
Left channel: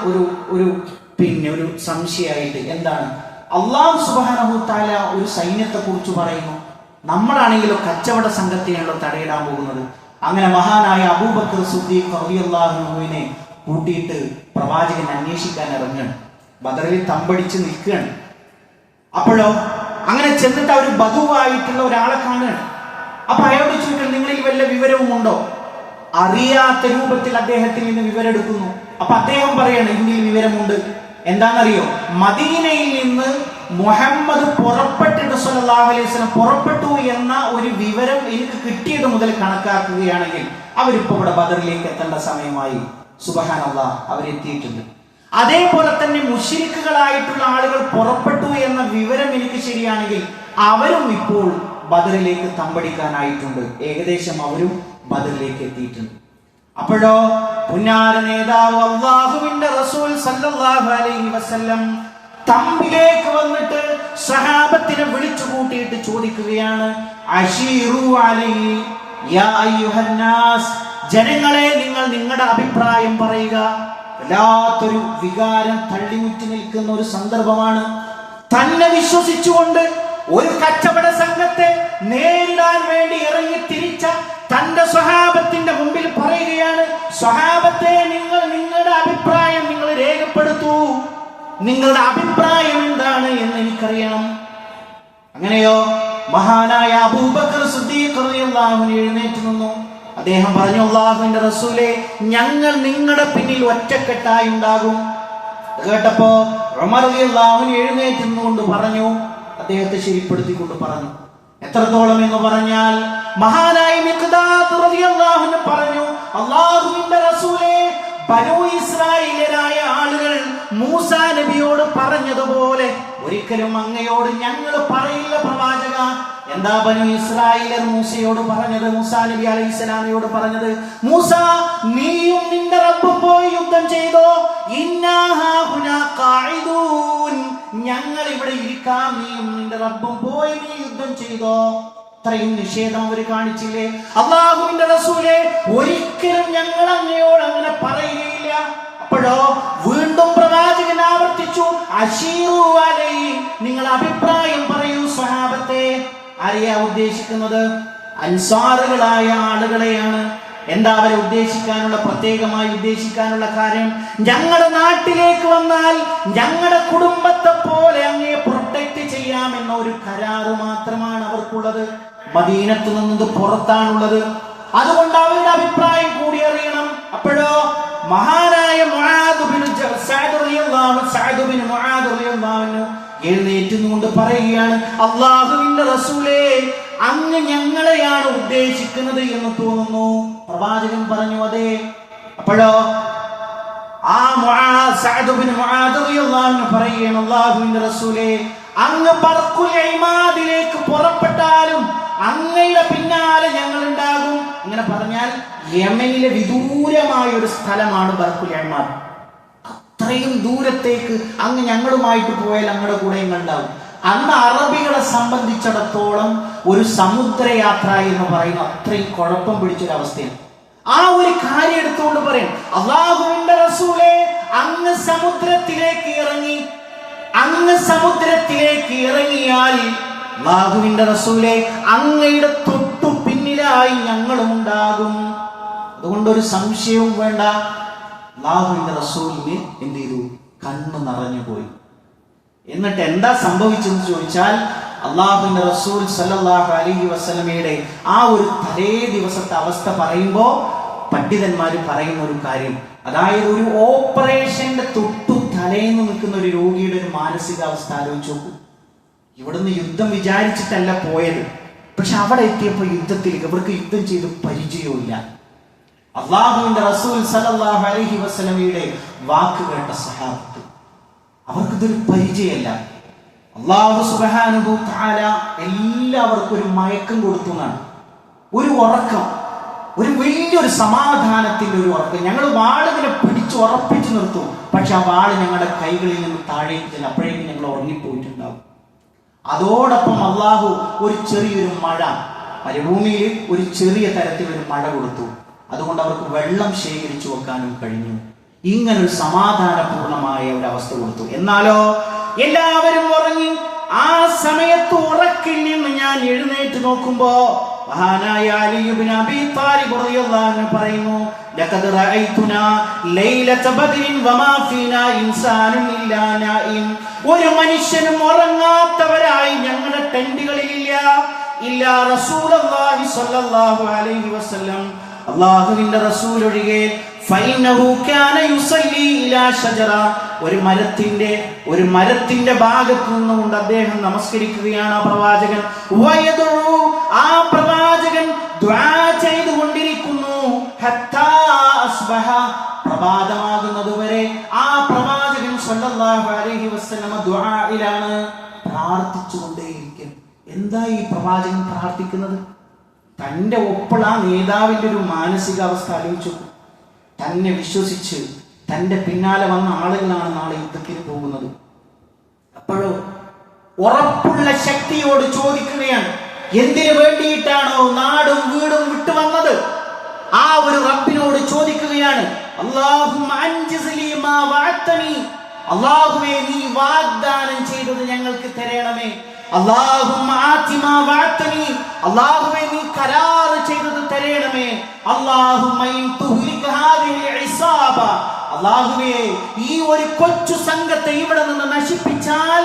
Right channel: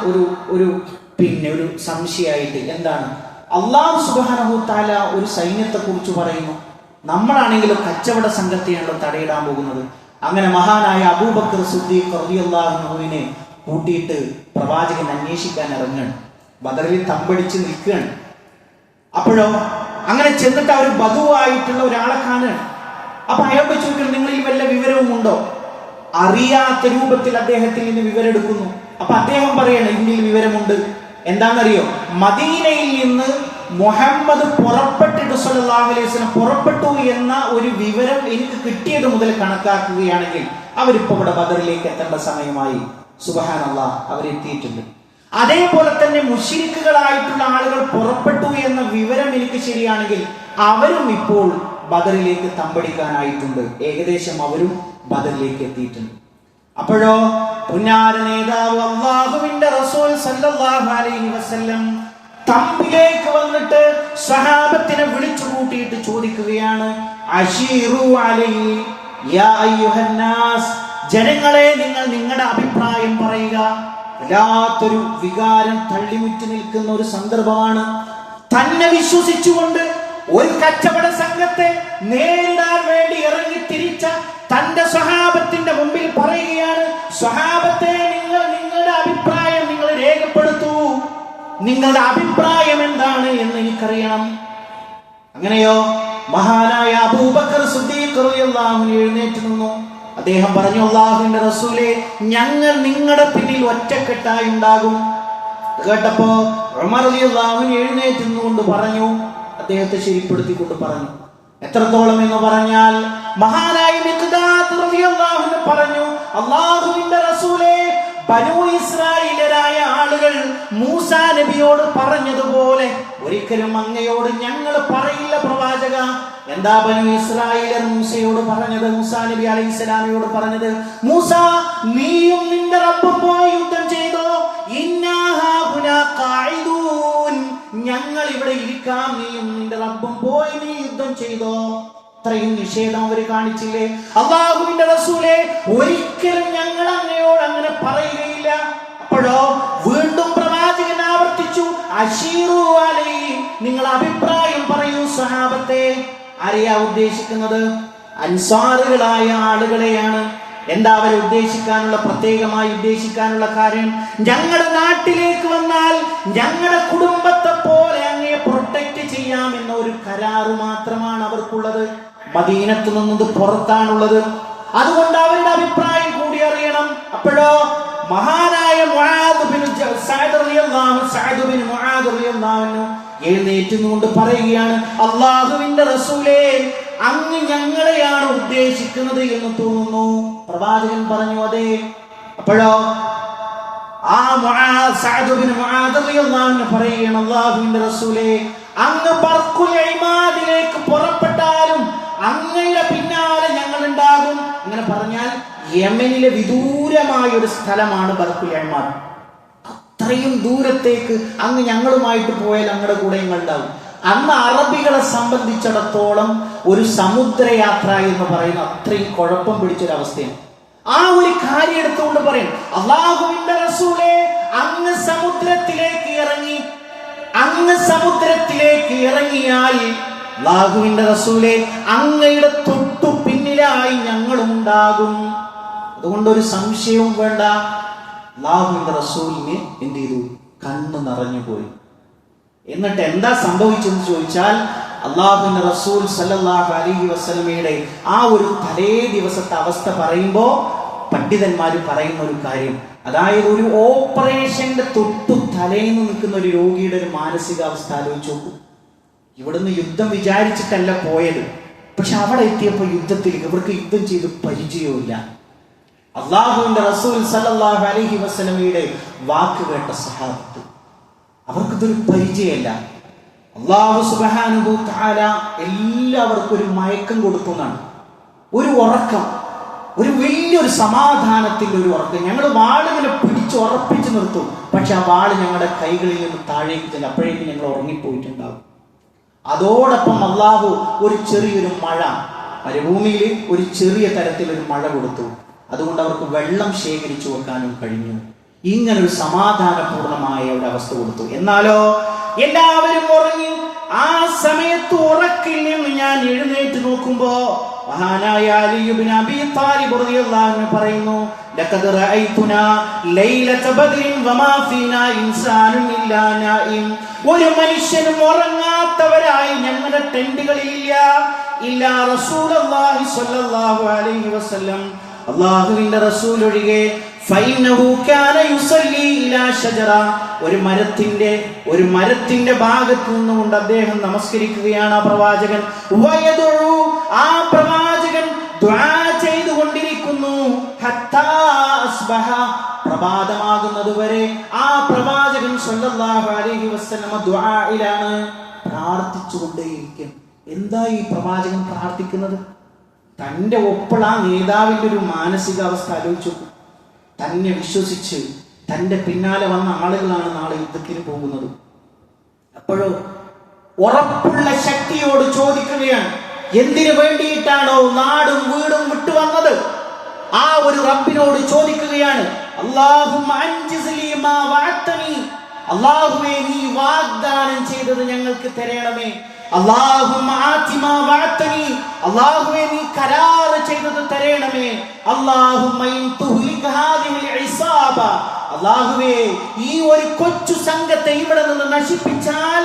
ഒരു സംശയമായിട്ട് എന്താണ്? അല്ലാഹു സുബ്ഹാനഹു വ തആല ഒരു സൈന്യത്തെ കുറിച്ച് പറയുന്നു, നമ്മളാണെങ്കിലും കച്ചവട സംഘത്തെയാണല്ലോ തടയിടാൻ പോകുന്നത്. അങ്ങനെ മഹാനായ അബൂബക്കർ സിദ്ദീഖ് റളിയല്ലാഹു അൻഹുവിനെ കൂട്ടിയിട്ട് പ്രവാചകൻ അന്വേഷിക്കാൻ ഇറങ്ങുകയാണ്. ബദറിൽ തമ്പടിച്ച് നിൽക്കുകയാണ്. അപ്പോഴോ അങ്ങനെ ചെന്നിട്ട് അവർ ബദുവായിട്ടുള്ള ഒരാളെ കാണുകയാണ്. അപ്പൊ അയാളോട് ചോദിക്കണം, നിങ്ങളിൽ വല്ല വിവരവും ഉണ്ടോ? അറിയാത്ത രൂപത്തിൽ അദ്ദേഹത്തിൽ നിന്ന് വിവരം എടുക്കുന്നു. അപ്പൊ അദ്ദേഹം പറയാണ്, ഇന്ത്യയിൽ വിവരമുണ്ട്. എന്താണെന്നറിയോ? മദീനയിൽ നിന്ന് മുഹമ്മദ് പുറപ്പെട്ടിട്ട് സല്ലല്ലാഹു അലൈഹി വസല്ലം പുറപ്പെട്ടു എന്ന ഒരു വിവരം എനിക്ക് കിട്ടിയത് മുതൽ കണക്കാക്കുകയാണെങ്കിൽ അവരിപ്പോ ഇവിടെ ബദറിലേക്ക് എത്തേണ്ട സമയമായി. സുബ്ഹാനല്ലാഹ്, അവരെത്തിയിട്ടുണ്ട്. അതേപോലെ തന്നെ മുശ്രിക്കുകളായിട്ടുള്ള ആളുകൾ പുറപ്പെട്ടു എന്ന വിവരം എനിക്ക് ശരിയാണെങ്കിൽ അവരും ഇപ്പോൾ ബദറിലേക്ക് തമ്പടിക്കാനായിട്ടുണ്ട്. ഏകദേശം അവരും ബദറിലേക്ക് എത്തിയിട്ടുണ്ട്. അപ്പോഴോ പുന്നാര നേതാവ് അല്ലാഹുവിന്റെ റസൂൽ സല്ലല്ലാഹു അലൈഹി വസല്ലം തമ്പിലേക്ക് വന്നിട്ട് സഹാബത്തിനെ വിളിച്ചു കൂട്ടിയിട്ട് ചോദിക്കുകയാണ്, അശീറു അലൈഹി യാ അയ്യുഹന്നാസ്, ജനങ്ങളെ നിങ്ങൾ നിങ്ങളുടെ അഭിപ്രായം പറയുക. വല്ലാത്തൊരു വികാരം തള്ളിമുറ്റി നിൽക്കുന്ന ഒരു സന്ദർഭമാണ്. തന്നെ വിശ്വസിച്ചുകൊണ്ട് ഒരു കച്ചവട സംഘത്തെ നേരിടാൻ വേണ്ടി ഇറങ്ങി തിരിച്ച തന്റെ സ്വഹാബത്തിന്റെ മുമ്പിൽ പറയുകയാണ്, സ്വഹാബത്തെ നിങ്ങൾ നിങ്ങളുടെ അഭിപ്രായം നിങ്ങൾ രേഖപ്പെടുത്തൂ. നിങ്ങളുടെ അഭിപ്രായം എന്താണ് എന്ന് എനിക്കറിയണം. അങ്ങനെയോ മഹാനായ അബൂബക്കർ സിദ്ദീഖ് റളിയല്ലാഹു അൻഹു എഴുന്നേറ്റ് നിന്നു. അദ്ദേഹം പറഞ്ഞു, അല്ലാഹുവിന്റെ റസൂലേ, ഞങ്ങൾ നിങ്ങളുടെ പിന്നിൽ ഒറ്റക്കെട്ടായി ഉണ്ടാകും. കേട്ടപ്പോ ഉമർ റളിയല്ലാഹു അൻഹു എഴുന്നേറ്റ് നിന്നുകൊണ്ട് പറഞ്ഞു, അദ്ദേഹത്തെ ശരിപ്പെടുത്തിക്കൊണ്ട് പറഞ്ഞു. എത്രത്തോളം എന്ന് പറഞ്ഞാൽ മഹാനായ മിഖ്ദാദ് റളിയല്ലാഹു അൻഹു പറഞ്ഞു, അല്ലാഹുവിന്റെ റസൂലേ, ബനൂ ഇസ്രായേലരായ ആളുകൾ മൂസാ നബിയോട് പറഞ്ഞതുപോലെ ഒരിക്കലും അങ്ങയോട് ഞങ്ങൾ പറയില്ല പ്രവാചക. എന്താ ബനൂ ഇസ്രായേലർ മൂസയോട് പറഞ്ഞത്? മൂസാ നബി അലൈഹിസ്സലാമയോട് പറഞ്ഞത്, മൂസ, നീയും നിന്റെ റബ്ബും പോയി യുദ്ധം ചെയ്തോ, ഇന്നാ ഹാഹുനാ ഖാഇദൂൻ, ഞങ്ങൾ ഇവിടെ ഇരിക്കാം, നീയും നിന്റെ റബ്ബും പോയി നീ യുദ്ധം ചെയ്തോ. ഇത്രയും നിഷേധം അവർ കാണിച്ചില്ലേ? അല്ലാഹുവിന്റെ റസൂലേ, ഒരിക്കലും ഞങ്ങൾ അങ്ങയോട് അങ്ങനെ പറയുകയില്ല. അപ്പോഴോ വീണ്ടും പ്രവാചകൻ ആവർത്തിച്ചു, അശീറു അലൈഹി, നിങ്ങൾ അഭിപ്രായം പറയൂ സ്വഹാബത്തെ. ആരെയാ ഉദ്ദേശിക്കുന്നത്? അൻസാറുകളായ ആളുകളെയാണ്. എന്താ അവരെ പ്രത്യേകമായി ഉദ്ദേശിക്കാനുള്ള കാര്യം? ഞങ്ങളുടെ നാട്ടിലേക്ക് വന്നാൽ ഞങ്ങളുടെ കുടുംബത്തെ പോലെ അങ്ങയെ പ്രൊട്ടക്ട് ചെയ്യാമെന്ന ഒരു കരാറ് മാത്രമാണ് അവർക്കുള്ളത്. മദീനത്ത് നിന്നത് പുറത്താണുള്ളത്. അതുകൊണ്ട് അവരുടെ അഭിപ്രായം കൂടി അറിയണം. അപ്പോഴോ മഹാനായ എഴുന്നേറ്റുകൊണ്ട് പറയുകയാണ്, അള്ളാഹുവിന്റെ റസൂലേ, അങ്ങ് ഞങ്ങളെയാണ് ഉദ്ദേശിക്കുന്നത് എന്ന് തോന്നുന്നു. പ്രവാചകൻ പറഞ്ഞു, അതെ. അപ്പോഴോ ആ പറയുകയാണ്, അള്ളാഹുവിന്റെ റസൂലേ, അങ്ങ് ബർഖുൽ ഇമാദിലേക്ക് പുറപ്പെട്ടാലും അങ്ങയുടെ പിന്നാലെ ഞങ്ങൾ ഉണ്ടാകും. അങ്ങനെ പറഞ്ഞാൽ യമനിലെ വിദൂരമായ ഒരു സ്ഥലമാണ് ബർഖുൽ ഇമാദ്. അത്രയും ദൂരത്തേക്ക് അങ്ങ് ഞങ്ങളുമായിട്ട് പോയാൽ ഞങ്ങളുടെ കൂടെ ഞങ്ങൾ ഉണ്ടാവും. അന്ന് അറബികളെ സംബന്ധിച്ചിടത്തോളം ഒരു സമുദ്രയാത്ര എന്ന് പറയുന്ന അത്രയും കുഴപ്പം പിടിച്ചൊരവസ്ഥയാണ്. ആ ഒരു കാര്യം എടുത്തുകൊണ്ട് പറയും, അല്ലാഹുവിന്റെ റസൂലേ, അങ്ങ് സമുദ്രത്തിലേക്ക് ഇറങ്ങിയാൽ അല്ലാഹുവിന്റെ റസൂലേ, അങ്ങയുടെ തൊട്ടു പിന്നിലായി ഞങ്ങളും ഉണ്ടാകും. അതുകൊണ്ടൊരു സംശയവും വേണ്ട. അല്ലാഹുവിന്റെ റസൂലിന് എന്ത് ചെയ്തു? കണ്ണു നിറഞ്ഞു പോയി. എന്നിട്ട് എന്താ സംഭവിച്ചെന്ന് ചോദിച്ചാൽ, അള്ളാഹുവിന്റെ റസൂൽ സല്ലല്ലാഹു അലൈഹി വസല്ലമയുടെ ആ ഒരു തലേ ദിവസത്തെ അവസ്ഥ പറയുമ്പോ പണ്ഡിതന്മാര് പറയുന്ന ഒരു കാര്യം, അതായത് ഒരു ഓപ്പറേഷന്റെ തൊട്ടു തലേന്ന് നിൽക്കുന്ന ഒരു രോഗിയുടെ ഒരു മാനസികാവസ്ഥ ആലോചിച്ച് നോക്കൂ. ഇവിടുന്ന് യുദ്ധം വിചാരിച്ചിട്ടല്ല പോയത്, പക്ഷെ അവിടെ എത്തിയപ്പോ യുദ്ധത്തിലേക്ക് ഇവർക്ക് യുദ്ധം ചെയ്ത് പരിചയമില്ല. അള്ളാഹുവിന്റെ റസൂൽ സല്ലല്ലാഹു അലൈഹി വസല്ലമയുടെ വാക്ക് കേട്ട സഹാബത്ത്, അവർക്കിതൊരു പരിചയമല്ല. അല്ലാഹു സുബ്ഹാനഹു തആല എല്ലാവർക്കും ഒരു മയക്കം കൊടുത്തു എന്നാണ്. ഒരു ഉറക്കം, ഒരു വലിയൊരു സമാധാനത്തിന്റെ ഒരു ഉറക്കം. ഞങ്ങൾ വാളിനെ പിടിച്ച് ഉറപ്പിച്ചു നിർത്തും, പക്ഷെ ആ വാള് ഞങ്ങളുടെ കൈകളിൽ നിന്ന് താഴേക്ക് ചെല്ലും. അപ്പോഴേക്കും ഞങ്ങൾ ഉറങ്ങിപ്പോയിട്ടുണ്ടാവും. അതോടൊപ്പം അള്ളാഹു ഒരു ചെറിയൊരു മഴ, മരുഭൂമിയിൽ ഒരു ചെറിയ തരത്തിലൊരു മഴ കൊടുത്തു. അതുകൊണ്ട് അവർക്ക് വെള്ളം ശേഖരിച്ചു വെക്കാനും കഴിഞ്ഞു. ഇങ്ങനൊരു സമാധാനപൂർണമായ ഒരു അവസ്ഥ കൊടുത്തു. എന്നാലോ എല്ലാവരും ഉറങ്ങി. ആ സമയത്ത് ഉറക്കിൽ നിന്ന് ഞാൻ എഴുന്നേറ്റ് നോക്കുമ്പോ മഹാനായ അലി ഇബ്നു അബീ ത്വാലിബ് റളിയല്ലാഹു അൻഹു പറയുന്നു, ലഖദ് റഅയ്തുനാ ലൈലത ബദ്രിൻ വമാ ഫീനാ ഇൻസാനുൻ ഇല്ലാ നായിം. ഒരു മനുഷ്യനും ഉറങ്ങാത്തവരായി ഞങ്ങളുടെ ടെന്റുകളിൽ ഇല്ല റസൂലുള്ളാഹി സ്വല്ലല്ലാഹു അലൈഹി വസല്ലം, അല്ലാഹുവിന്റെ റസൂൽ ഒഴികെ. ഫൈനഹു കാന യുസല്ലി ഇലാ ഷജറ. ഒരു മരത്തിന്റെ ഭാഗത്തു നിന്നുകൊണ്ട് അദ്ദേഹം നമസ്കരിക്കുകയാണ്. ആ പ്രവാചകൻ വയദഉ, ആ പ്രവാചകൻ ദുആ ചെയ്തുകൊണ്ടിരിക്കുന്നു. ഹത്താ അസ്ബഹ, പ്രഭാതമാകുന്നത് വരെ ആ പ്രവാചകൻ സല്ലല്ലാഹു അലൈഹി വസല്ലം ദുആയിലാണ്, പ്രാർത്ഥിച്ചുകൊണ്ടേയിരിക്കും. എന്താ ഈ പ്രവാചകൻ പ്രാർത്ഥിക്കുന്നത്? തന്റെ ഒപ്പുള്ള ആ നേതാവിന്റെ ഒരു മാനസികാവസ്ഥ ആലോചിച്ചു. തന്നെ വിശ്വസിച്ച് തന്റെ പിന്നാലെ വന്ന ആളുകളാണ് നാളെ യുദ്ധത്തിന് പോകുന്നത്. അപ്പോഴോ ഉറപ്പുള്ള ശക്തിയോട് ചോദിക്കുകയാണ്, എന്തിനു വേണ്ടിയിട്ടാണോ നാടും വീടും വിട്ടുവന്നത്? ആ ഒരു റബ്ബിനോട് ചോദിക്കുകയാണ്, അല്ലാഹുമ്മ അൻജിസ്ലി മാ വഅതനി, അല്ലാഹുവേ നീ വാഗ്ദാനം ചെയ്തത് ഞങ്ങൾക്ക് തരണമേ. അല്ലാഹുമ്മ ആതി മാ വഅതനി, അല്ലാഹുവേ നീ കരാർ ചെയ്തത് തരണമേ. അല്ലാഹുമ്മ ഇൻ തുഹ്ലിക ഹാദിഹിൽ ഇസാബ, അല്ലാഹുവേ ഈ ഒരു കൊച്ചു സംഘത്തെ ഇവിടെ നിന്ന് നശിപ്പിച്ചാൽ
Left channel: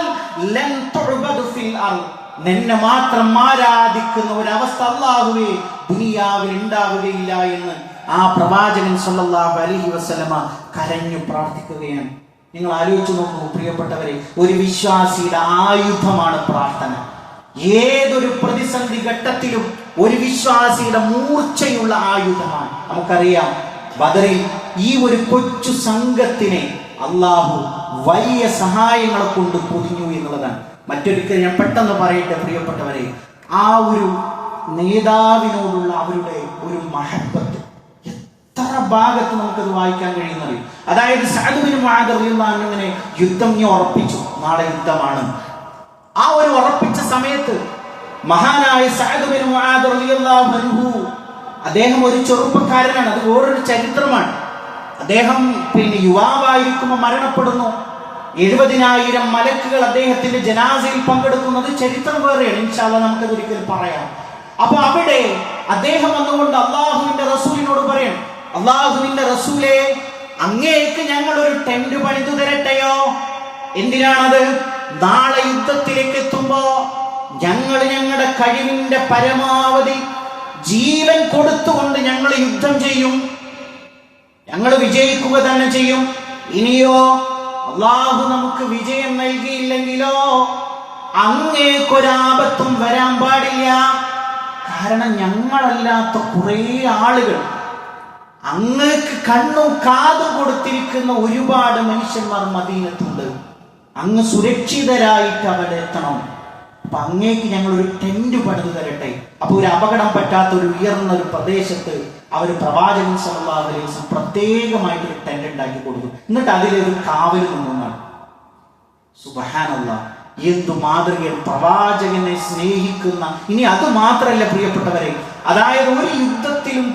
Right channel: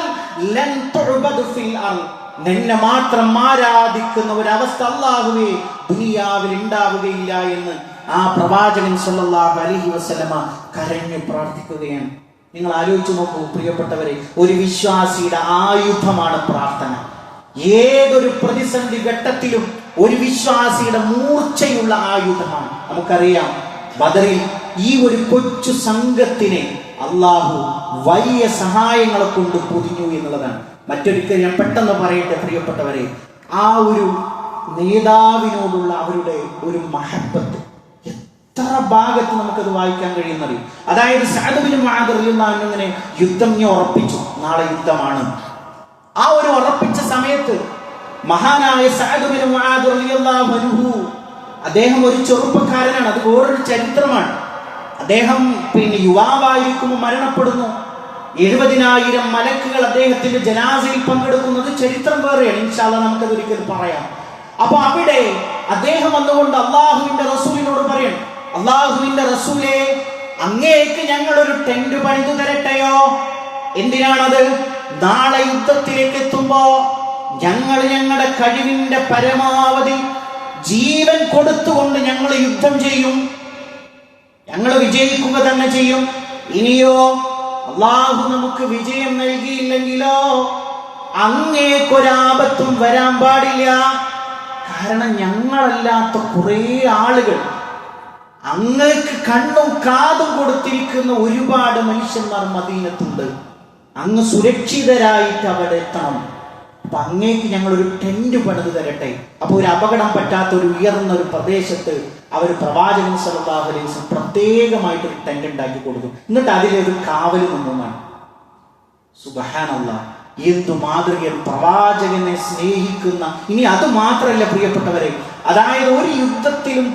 ലൻ തുഅബദു ഫിൽ അർദ്, നിന്നെ മാത്രം ആരാധിക്കുന്ന ഒരു അവസ്ഥ അല്ലാഹുവേ ദുനിയാവിൽ ഉണ്ടാവുകയില്ല എന്ന് ആ പ്രവാചകൻ സല്ലല്ലാഹു അലൈഹി വസല്ലമ കരഞ്ഞു പ്രാർത്ഥിക്കുകയാണ്. നിങ്ങൾ ആലോചിച്ചു നോക്കൂ പ്രിയപ്പെട്ടവരെ, ഒരു വിശ്വാസിയുടെ ആയുധമാണ് പ്രാർത്ഥന. ഏതൊരു പ്രതിസന്ധി ഘട്ടത്തിലും ഒരു വിശ്വാസിയുടെ മൂർച്ചയുള്ള ആയുധമാണ്. നമുക്കറിയാം ബദറിൽ ഈ ഒരു കൊച്ചു സംഘത്തിനെ അള്ളാഹു വലിയ സഹായങ്ങളെ കൊണ്ട് പൊതിഞ്ഞു എന്നുള്ളതാണ്. മറ്റൊരിക്കൽ ഞാൻ പെട്ടെന്ന് പറയട്ടെ പ്രിയപ്പെട്ടവരെ, ആ ഒരു നേതാവിനോടുള്ള അവരുടെ ഒരു മഹബത്ത് എത്ര ഭാഗത്ത് നമുക്കത് വായിക്കാൻ കഴിയുന്നത്. അതായത് സഅദ് ബിൻ മുആദ് റളിയല്ലാഹു അൻഹു അങ്ങനെ യുദ്ധം ഉറപ്പിച്ചു, നാളെ യുദ്ധമാണ്. ആ ഒരു ഉറപ്പിച്ച സമയത്ത് മഹാനായ സഅദ് ബിൻ മുആദ് റളിയല്ലാഹു അൻഹു, അദ്ദേഹം ഒരു ചെറുപ്പക്കാരനാണ്. അത് വേറൊരു ചരിത്രമാണ്. അദ്ദേഹം യുവാവായിരിക്കുമ്പോൾ മരണപ്പെടുന്നു. 70,000 മലക്കുകൾ അദ്ദേഹത്തിന്റെ ജനാസയിൽ പങ്കെടുക്കുന്നത് ചരിത്രം വേറെയാണ്. ഇൻഷാ അല്ലാഹ് നമുക്കത് ഒരിക്കൽ പറയാം. അപ്പൊ അവിടെ അദ്ദേഹം വന്നുകൊണ്ട് അള്ളാഹുവിന്റെ റസൂലിനോട് പറയണം, അള്ളാഹുവിന്റെ റസൂലേ, അങ്ങേക്ക് ഞങ്ങൾ ഒരു ടെന്റ് പണിതു തരട്ടെയോ? എന്തിനാണത്? നാളെ യുദ്ധത്തിലേക്ക് എത്തുമ്പോ ഞങ്ങൾ ഞങ്ങളുടെ കഴിവിന്റെ പരമാവധി ജീവൻ കൊടുത്തുകൊണ്ട് ഞങ്ങൾ യുദ്ധം ചെയ്യും, ഞങ്ങൾ വിജയിക്കുക തന്നെ ചെയ്യും. ഇനിയോ അള്ളാഹു നമുക്ക് വിജയം നൽകിയില്ലെങ്കിലോ അങ്ങേക്കൊരാപത്തും വരാൻ പാടില്ല. കാരണം ഞങ്ങളല്ലാത്ത കുറെ ആളുകൾ, അങ്ങേക്ക് കണ്ണും കാതും കൊടുത്തിരിക്കുന്ന ഒരുപാട് മനുഷ്യന്മാർ മദീനത്തുണ്ട്. അങ്ങ് സുരക്ഷിതരായിട്ട് അവിടെ എത്തണം. അപ്പൊ അങ്ങേക്ക് ഞങ്ങൾ ഒരു ടെന്റ് പണിത് തരട്ടെ. അപ്പൊ ഒരു അപകടം പറ്റാത്ത ഒരു ഉയർന്ന ഒരു പ്രദേശത്ത് അവർ പ്രവാചകൻ സല്ലല്ലാഹു അലൈഹി വസല്ലം പ്രത്യേകമായിട്ട് ഒരു ടെന്റ് ഉണ്ടാക്കി കൊടുത്തു. എന്നിട്ട് അതിലൊരു കാവൽ നിന്നാണ്. സുബ്ഹാനല്ലാഹ്, എന്തു മാതൃകയാണ്! പ്രവാചകനെ സ്നേഹിക്കുന്ന, ഇനി അത് മാത്രമല്ല പ്രിയപ്പെട്ടവരെ, അതായത് ഒരു യുദ്ധത്തിലും